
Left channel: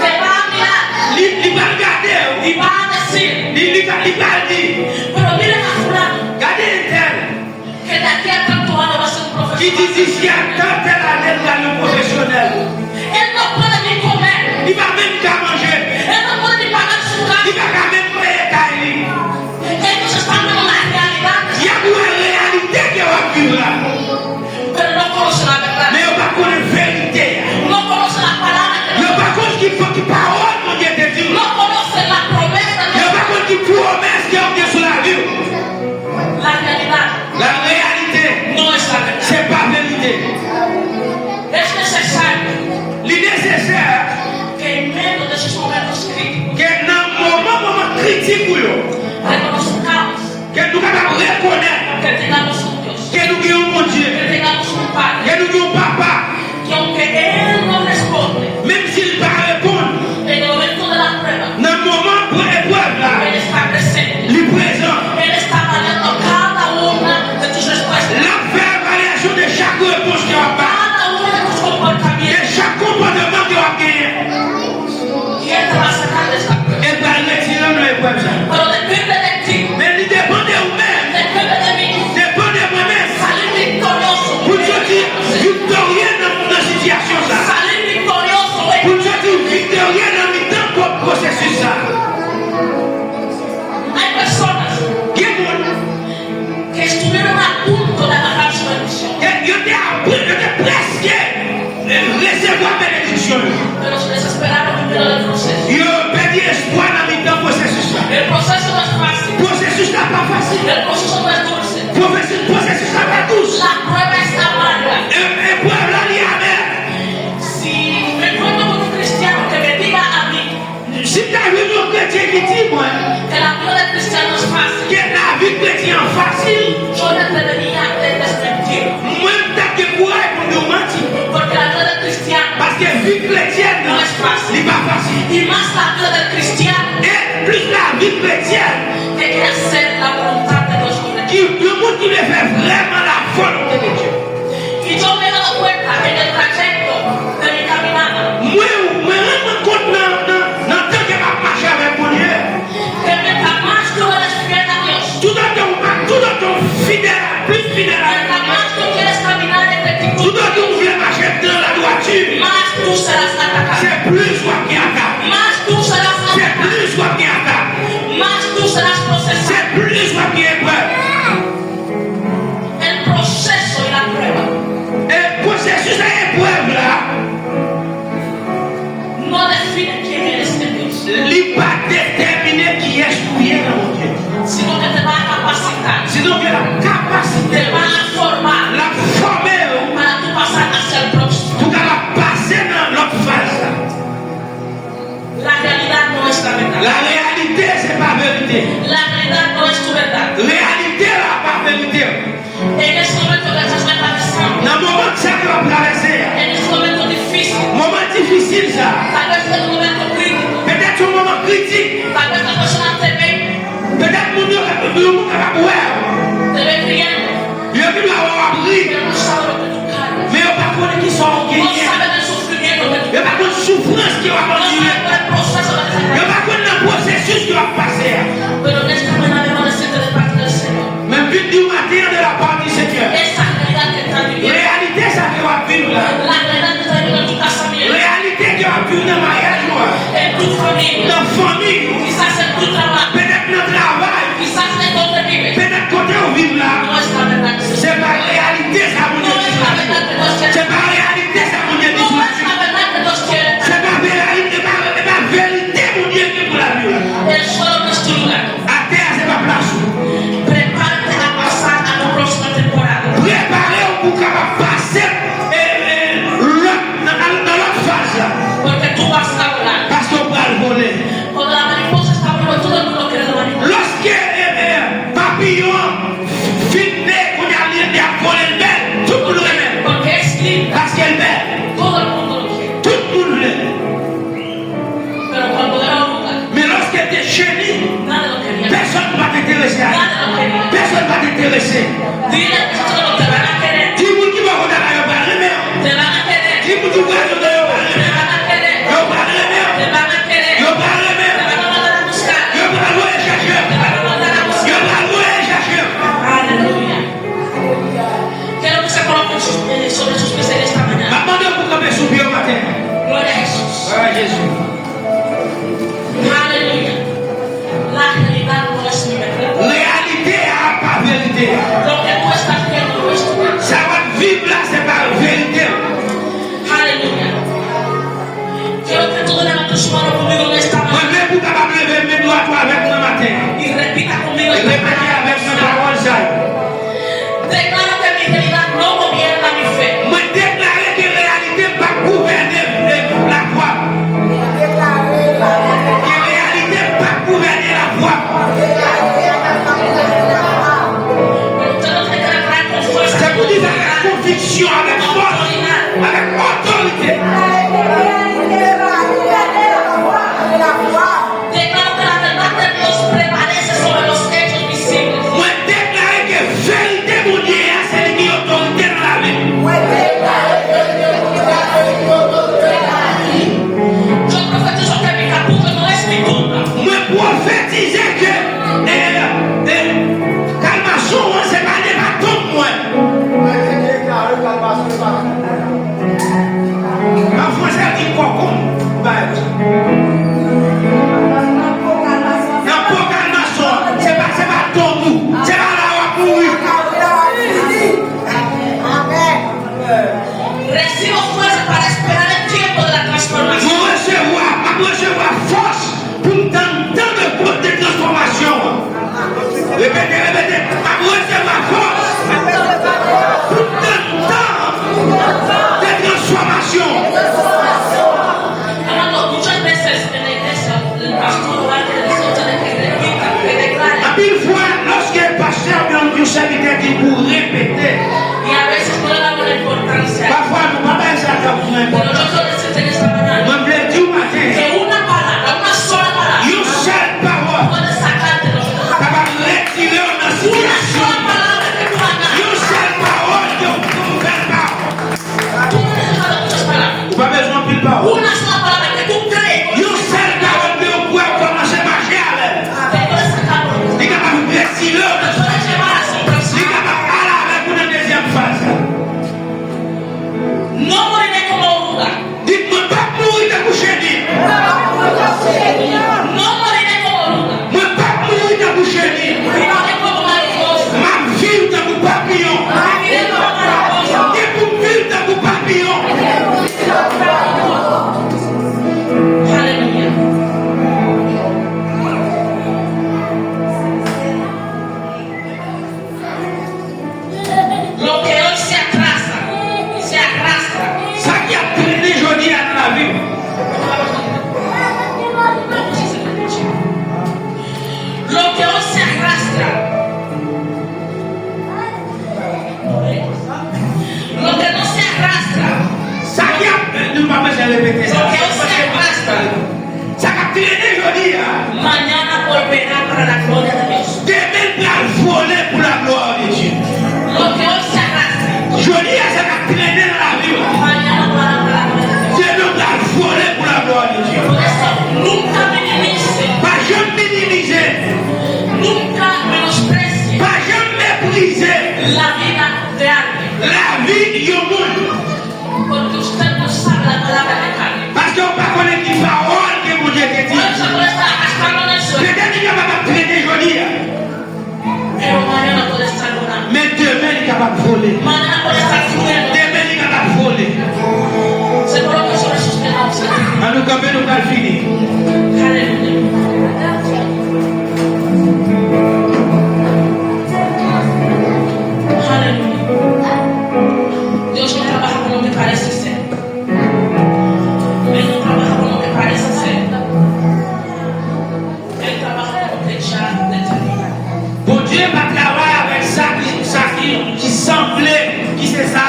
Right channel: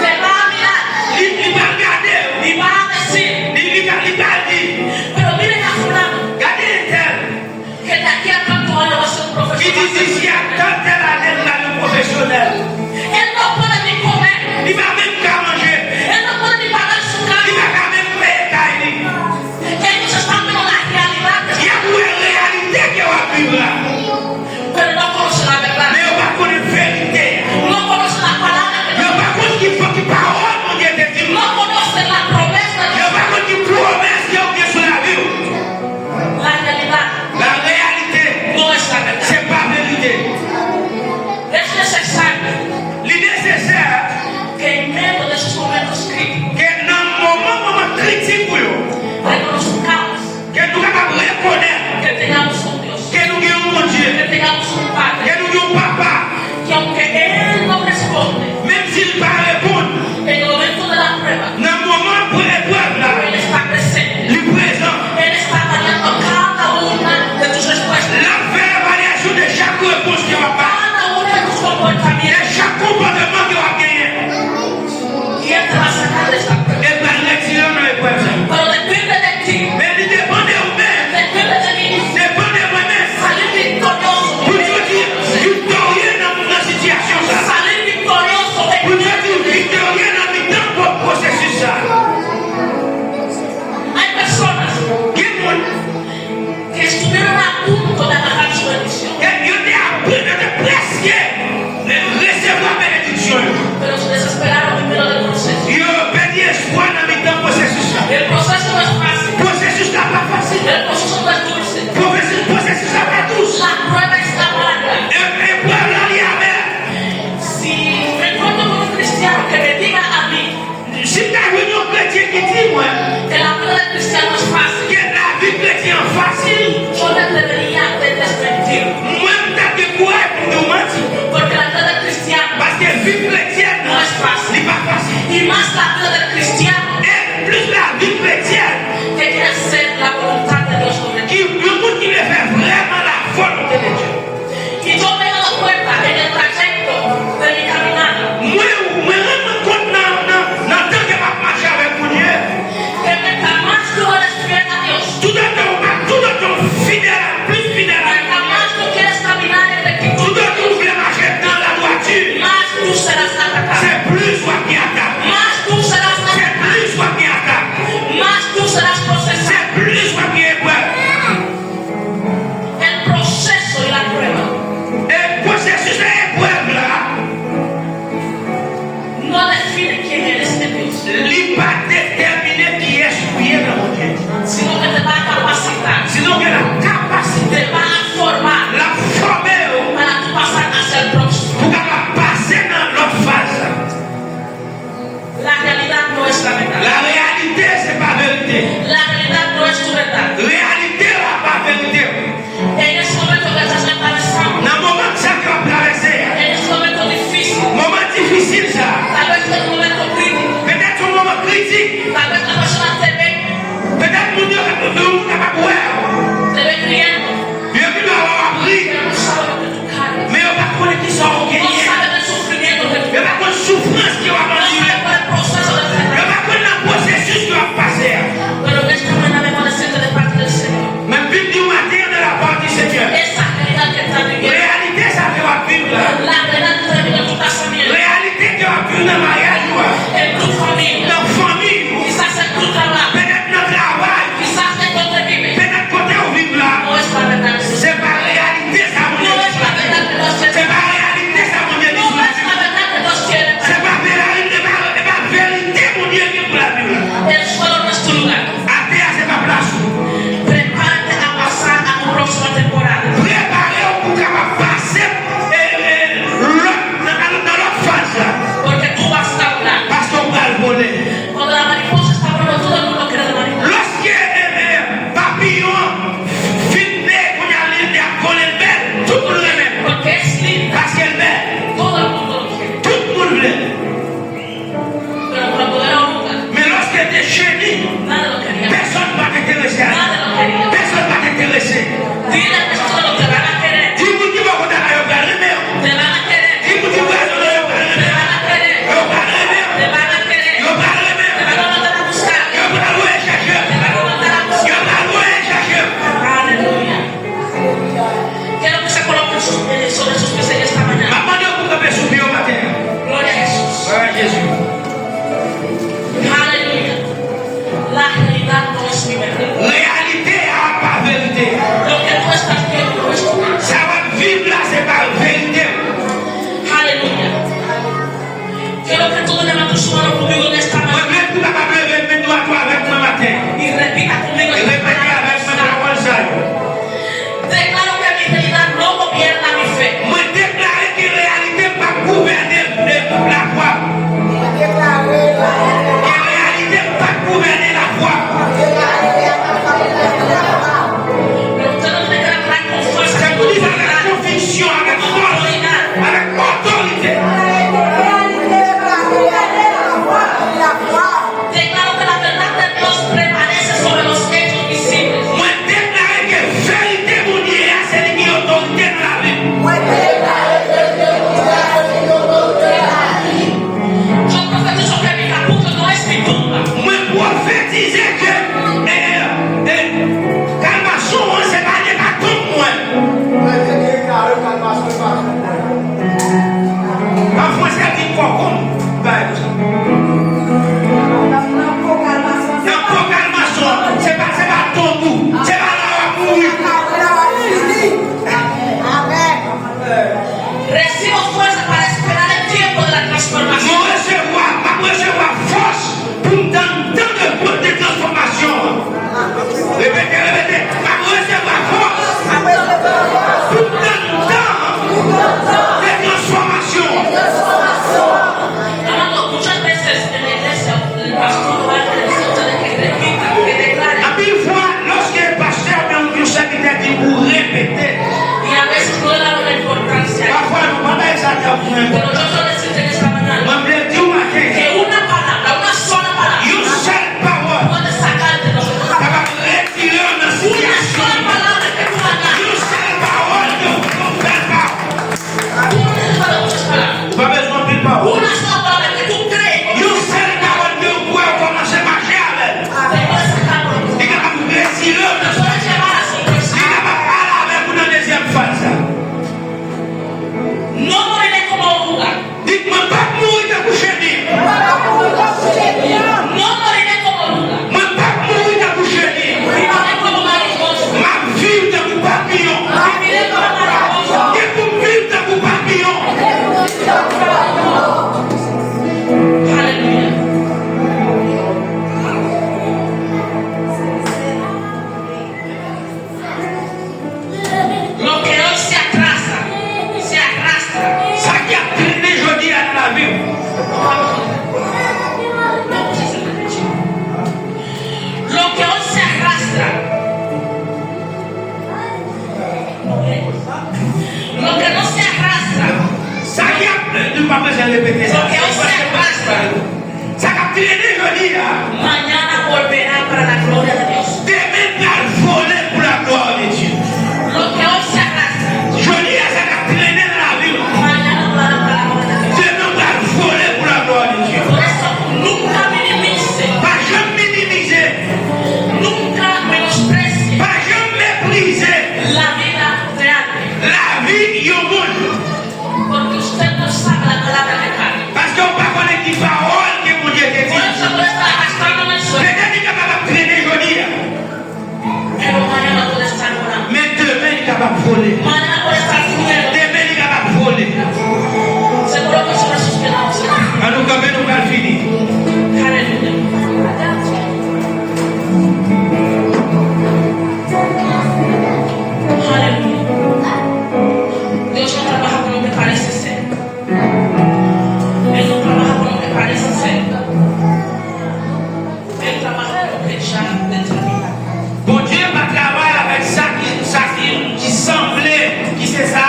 te va a mirar il va regarder, y va a decir, il va dire, pero miren a fulano, regardez tel, que de aquí a tanto año va a ser un qui dit profesional. d'ici à telle année, il va être professionnel. Él no puede ni comer, Il va même qu'à manger. él no puede ni pagar su que parole mon Dieu te dit. no conocen la promesa de Yo Dios. pas qu'on dit promesse qui est sur la vie. La realidad La réalité, no es la verdad. c'est pas vérité. Es necesario L'innécessaire, que en medio de esos momentos críticos que dans le moment critique, reconozcamos que nous capables de reconnaître que tengamos un Dios, que nous avons mon Dieu, que tengamos un Padre, que nous avons papa, que aunque Él no responde même s'il ne pas répondre, en el momento de la prueba, dans le moment pour l'épreuve là, Él está presente. lui présent, Él está variando cada una de tus respuestas, la fait variation de chaque réponse qui va pas, cada uno de tus de comportamientos, chaque comportement qui va gagner. y Él te va a sacar de esa prueba. Et par l'excellent dans l'épreuve ça. Pero depende de ti, Mais il dépend de vous-même, depende de mí, dépend de moi-même. salir victorioso, Pour te dire victorieux dans la situation ça. salir victorioso de Pour te dire victorieux dans le temps pour le processus ça. Hay personas Quel monde? que estuvieron a punto de agarrar su bendición, Et il était presque recevoir bénédiction. pero se desesperaron en medio del proceso. Il a perdu espoir dans le temps processus ça. El proceso no es fácil, Processus là pas facile. el proceso no es dulce, Processus là pas douce. la prueba es amarga. Et pour là il y a mer. Si me encuentro con un cristiano que me diga a mí Si tu as vu un chrétien qui dit moi que la vida del cristiano es fácil, que la vie chrétienne est facile, yo le debería de desmentir, moi t'as que quoi pour nous mentir. porque la vida del cristiano Parce que la vie chrétienne no es fácil, n'est pas facile. y más la vida del cristiano Et plus la vie chrétienne, que quiere hacer la voluntad de Dios sobre ti. le monde qui veut faire vraiment la volonté de Dieu. Y yo me he dado cuenta en el trayecto de mi caminata Moi, je me rends compte dans le temps que je marche avec mon Dieu. que mientras más tú eres fiel a Dios, Tout le temps fidèle, plus fidèle à mientras más tú quieres caminar en tout rectitud, le temps vous voulez marcher dans la droiture. más tú serás atacado, C'est plus soi qui attaque. más tú serás C'est atacado, plus soi qui attaque. más tú serás procesado. C'est plus soi qui épreuve. El proceso y la prueba Et processus à épreuve là, no define quién eres en Dios, il n'est pas déterminé qui est souillé dans mon Dieu. sino que te va a capacitar, Sinon que la capacité, te va a formar la former para tú pasar hacia el próximo. pour qu'elle va passer dans l'autre phase. La realidad no es la verdad. La réalité, c'est pas vérité. La realidad no es tu verdad. Réalité, là, pas vérité. En ese momento que estás atravesando, Dans le moment que ça va traverser, en ese momento difícil, moment difficile ça, tal vez es un momento crítico, peut-être un moment critique, tal vez la persona te ve peut-être mon Dieu va pouvoir, riendo, Dieu qui doit avoir appris, pero no sabe lo que tú cargas. mais il va pas qui sont No gagnés, sabe del sufrimiento que tú il va pas souffrance qui va no continuer, sabe por el proceso de il enfermedad. va pas le processus qui va passer. Pero en esta mañana debo decirte de parte del Señor, Mais puis du matin de la part du Seigneur, esa realidad que estás viviendo, réalité ça fait va vivre là, la realidad que estás viviendo en tu casamiento, réalité qui va vivre dans le mariage, en tu familia, dans la famille, quizás en tu trabajo, peut-être dans le travail, quizás en donde vives, peut-être côté où vivre là. no es la verdad que se C'est pas réalité ça mon Dieu no es dit la là. verdad que Dios quiere. C'est pas réalité ça mon Dieu No dit là. es la verdad que Dios quiere. C'est pas vérité, c'est pas vérité mon Dieu qui pour la vie là. El suelo no es tu lugar. À terre c'est pas place. Prepárate a pasar a tu próxima temporada. Préparez-vous pour capable passer dans l'autre phase là. Porque tú vas a hablar. Parce qu'on va le voler. Cuando la mariposa está volando, todo el mundo quiere la mariposa. Lorsque papillon filmé qu'on a l'air à voler le bel, tout le monde remet. Porque es linda. Parce qu'elle est belle. Todo el mundo lo quiere. Tout le monde veut. Pero cuando era un lugar, Mais lorsqu'elle est chérie, nadie lo quería. personne ne va t'intéresser à elle. Nadie lo quería. Personne ne va t'intéresser. Dile que solo te van a querer. Dis-moi qui va vous donner un verre de mer. Te van a querer. Dis-moi qui va vous donner un verre de Te mer. van a querer. Yo parle de mer. Te van a querer. Yo parle de mer. Te van a mandar a buscar. Yo parle de chercheur. Te van a mandar a buscar. Yo parle de chercheur. Aleluya. Quiero que se coloquen sobre sus pies en esta mañana. Maintenant, vous pouvez subir au matin. Gloria a Jesús. Voilà Jésus. Aleluya. La realidad no es mi verdad. Réalité à pas vérité. Lo que tú estás viendo no es tu verdad. Ça va vivre là, c'est pas vérité. Aleluya. Quiero que todo levanten su mano conmigo en esta Moi, mañana. même pour capable de lever mes doigts toi avec moi matin. Y repita conmigo esta Répétez palabra. avec ma parole ça. Declaro que mi realidad no gobierna mi fe. Moi, déclarer que réalité pas gouverner la foi. Que réalité pas gouverner la foi. Pero usted no tiene que declarar con fuerza. C'est pour dire avec conviction, avec force, avec autorité. Declaro que la verdad de Dios prevalece sobre los hechos visibles. Moi, déclarer que vérité mon Dieu, c'est lui qui a autorité dans la vie. Yo profetizo que mi capullo no es mi tumba. Moi, prophétiser que calmation, c'est pas des bâtons, moi. En français, dit quoi comme? Non, pas calmation, c'est pas ton goût, c'est pas la loi pour lui. Recibo fuerza para esperar el tiempo de la transformación. Moi, recevoir force pour entendre de transformation. Répétez, répétez. Moi, recevoir force pour entendre de transformation. Amado, muchas veces en la iglesia el pastor va a decir que repita, que declare. À mille fois, lorsque le pasteur vient au serviteur dit pour répéter, Y a veces no le damos la importancia. parfois nous ne pouvons pas ça Pero yo quiero decirte en esta mañana Moi, je dis au matin, que una palabra, una sola palabra, une seule parole puede sacarte de nosotros. capable de retirer une Una situation. sola palabra que tú hagas. Une seule parole que vous ne faites pas. Tú no necesitas muchas palabras. Vous n'avez pas besoin de parole. Una sola palabra que tú crees Une seule parole que vous pouvez commencer à marcher avec. te puede sacar por Il est capable de retirer une te puede llevar a Il est sorpresa. capable de parler avec vous dans la deuxième phase. No moriré como oruga. Dites-moi pas mourir de coucher dit. No moriré como oruga. Moi, pas mourir de coucher dit. Viviré como mariposa. Ma vie de vous papillon. Viviré como mariposa. Et pour vivre de vous papillon. Aleluya. Lo que hoy se atrasa, se arrastra. Ça qui a traîné aujourd'hui dans la vie. Lo que hoy se arrastra. Lo que no se arrastra. Ça qui a ne pas besoin de répéter ça. Lo que hoy se arrastra. Ça qui a traîné aujourd'hui. Mañana volverá para la gloria de Dios. Demain, il a volé pour la gloire de Dieu. Lo que hoy se arrastra. Aujourd'hui, ça qui a traîné dans la vie. Mañana volverá para la gloria de Dios. Demain, il a volé pour la gloire de Dieu. Por eso nunca minimice, Pas jamais minimiser. nunca menosprecie Pas jamais mépriser la vida de alguien. la vie du monde. Porque usted no sabe la palabra que cabe. Parce qu'on ne connaît pas les paroles que mon Dieu te Por dit. eso puede estar arrastrando en el suelo. Peut-être qu'il est capable de traîner aujourd'hui. Pero mañana puede estar volando. Mais demain, il est capable de voler. Mañana puede estar fluyendo. Demain, il est capable de voler. Se coloca sobre sus penados. En nous, quand même, nous allons finir. Aleluya. Aleluya. Dios no trabaja con lo que parece ser. Él no trabaja con lo que parece ser. Él trabaja con lo que ya determina. Bon Dieu va travailler avec ça qui semblait, qui c'est ça,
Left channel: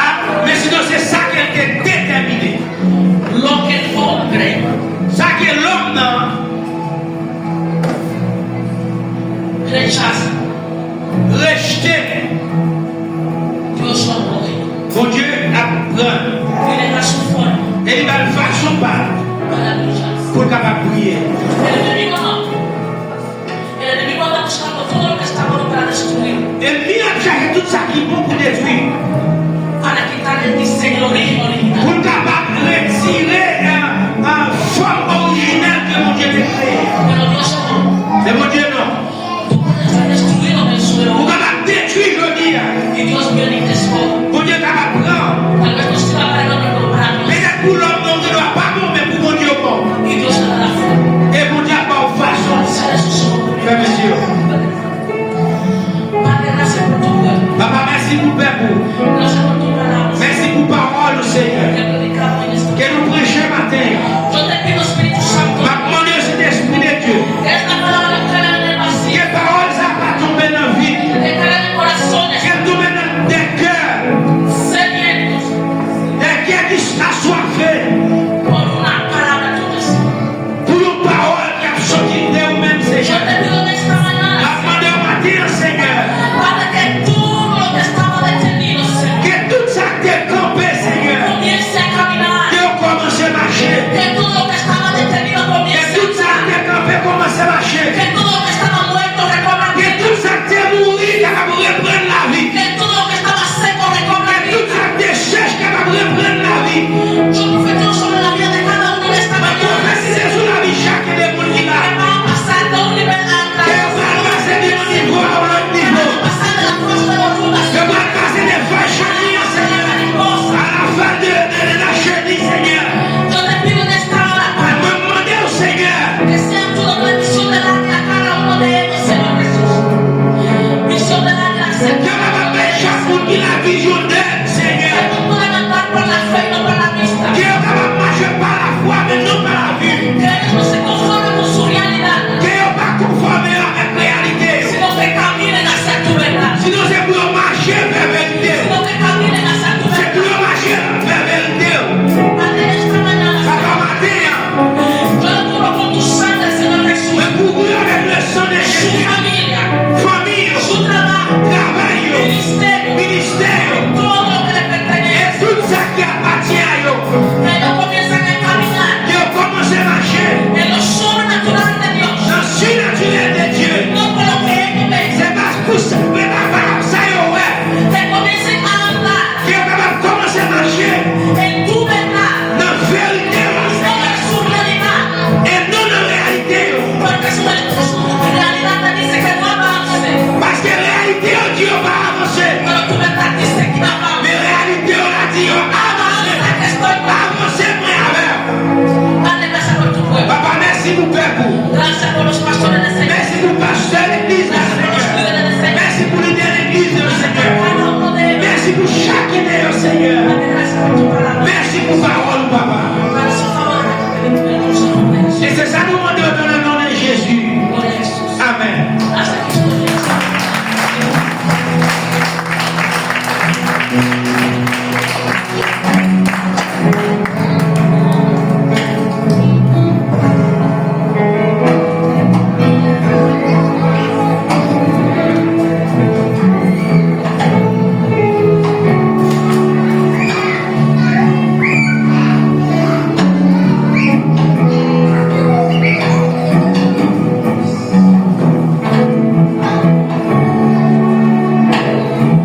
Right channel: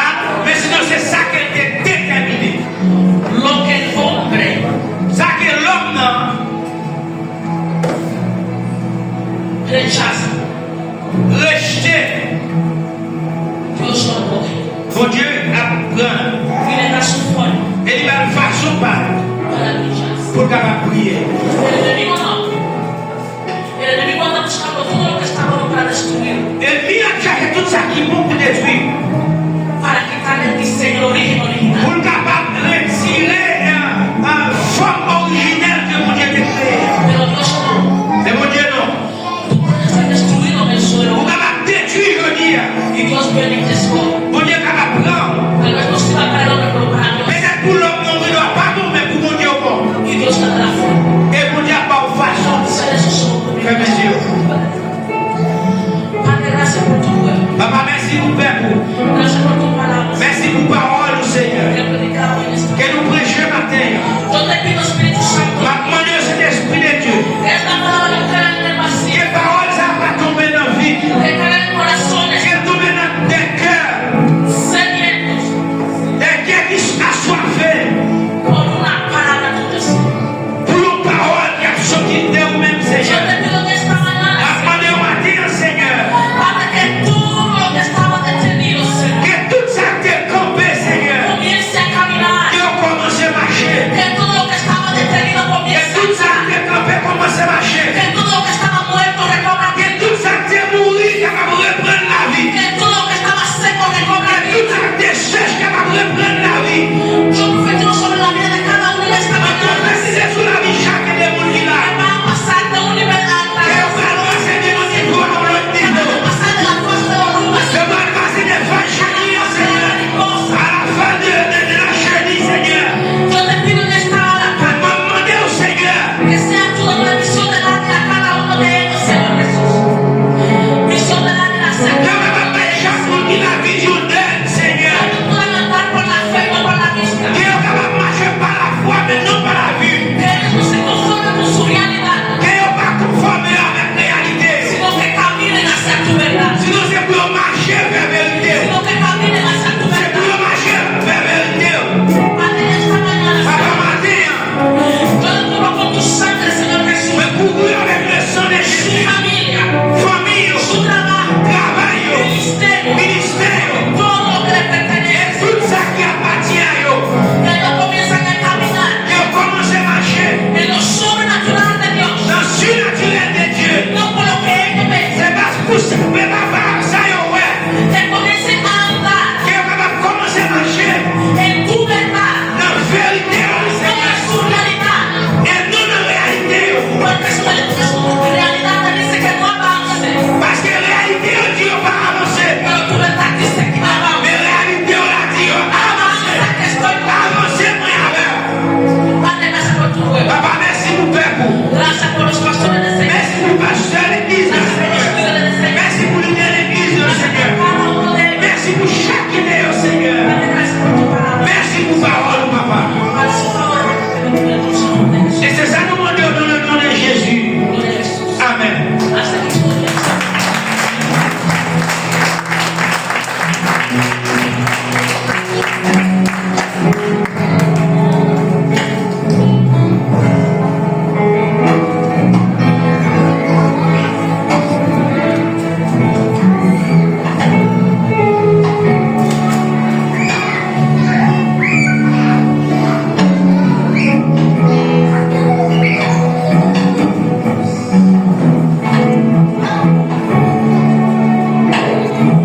mais sinon c'est ça qui était déterminé. Lo que el hombre Ça que l'homme, non, rechaza, rejeté, Dios lo acoge. bon Dieu apprend. Y le da su forma Et il va le faire son part maravillosa. pour capable prier. El enemigo no. El enemigo anda buscando todo lo que está bueno para destruir, Et lui a cherché tout ça qui est bon pour détruire. para quitarle el diseño, el origen original. Pour capable de retirer une forme originelle que mon Dieu t'a créée. Pero Dios no. Mais mon Dieu non. Tú puedes estar destruido en el suelo Pour capable de détruire aujourd'hui. y Dios viene y te escoge. Mon Dieu capable de prendre. Tal vez no sirva para el hombre, pero para Dios. Peut-être pour l'homme, non, il ne doit pas tomber pour mon Dieu bon. Y Dios te dará fermez les yeux. Padre, grazie per tutto. Papa, merci pour Père. Grazie per tua parola. Merci pour parole, Seigneur. Che predicavo in questa Que nous prêchons matin. Io te pido Spirito Santo. Ma demandé au Saint-Esprit de Dieu. Questa parola non cade nel vacío. Que parole ça va tomber dans la vie. Che cade nel corazzone. Que tombe dans des cœurs. Sedientos. Des cœurs qui sont assoiffés. Con una parola tu Signore. Pour une parole qui a sorti de vous-même, Io Seigneur. te pido questa mañana. Ma demandé au matin, Seigneur. Padre, che tutto lo che stava detenido, Signore, Que tout ça qui est campé, Seigneur. comienci a camminare. Que on commence à marcher. Che tutto lo che stava detenido Que comienci a tout ça qui est campé commence à marcher. Che tutto lo che stava muerto recobra Que vita. tout ça qui est mouru, qui va reprendre la vie. Che tutto lo che stava secco recobra Que tout vita. ça qui est sèche, qui va reprendre la vie. Io profetizzo nella vita di cada uno di questa Ma mañana. prophétisez sur la vie chaque des monde qui là. Andiamo a passare da un livello all'altro. Et on va passer de mon niveau à l'autre niveau. Andiamo a passare dalla forza della luna. Je vais passer des fois chenilles, Seigneur. À la fin de la chenille, Seigneur. Io te pido in questa ora, Je Padre, me demandais au Seigneur. che sia tu la benedizione dati a cada uno di ellos, Signor Gesù. Visione dati a Je Signore. vais m'appeler chaque monde qui la vision d'elle, Seigneur. Che tu puoi andare per la fede o per la vista. Qui est capable de marcher par la foi, mais non par la vue. Che non si conforma con su realtà, Qui est pas conformé avec la réalité. sino che cammini hacia tu verdad. Sinon, c'est pour marcher vers la vérité. Sino che cammini hacia tu C'est pour verdad. marcher vers la vérité. Padre, esta mañana, Papa matin, yo le cubro con tu sangre, Señor Jesús. me couvrir avec le sang de Su Jésus. familia, Famille, su trabajo, travail, ministerio, ministère, todo lo que le et pertenece. tout ça qui appartient à eux. Que ellos comiencen a caminar Qui ont commencé à marcher en lo sobrenatural de Dios. dans le surnaturel de Dieu. No por lo que ellos ven. C'est parce que c'est pas ça, ouais. Que comiencen a andar Qui est capable de commencer à marcher en tu verdad. dans la vérité, No en su realidad. et non dans la réalité. Porque su realidad te dice que no avance. Parce que la réalité, on dit on va avancer. Pero tu verdad dice que avance. Mais la réalité, on a dit on va avancer. Avanza que estoy mal. Avancer, moi, avec. Padre, gracias por tu pueblo. Papa, merci pour Père. Gracias por los pastores de Señor. Merci pour le pasteur de l'église, Gracias por los Seigneur. líderes de Señor. Merci pour le de l'église, Seigneur. Cada uno de ellos. Merci pour chacun d'eux, Seigneur. Padre, gracias por tu palabra. Merci pour parole, Papa. Para su favor, en el nombre de Jesús. Et c'est ça nous demandons dans le nom de Jésus. Gloria a Jesús. Amen. Hasta aquí.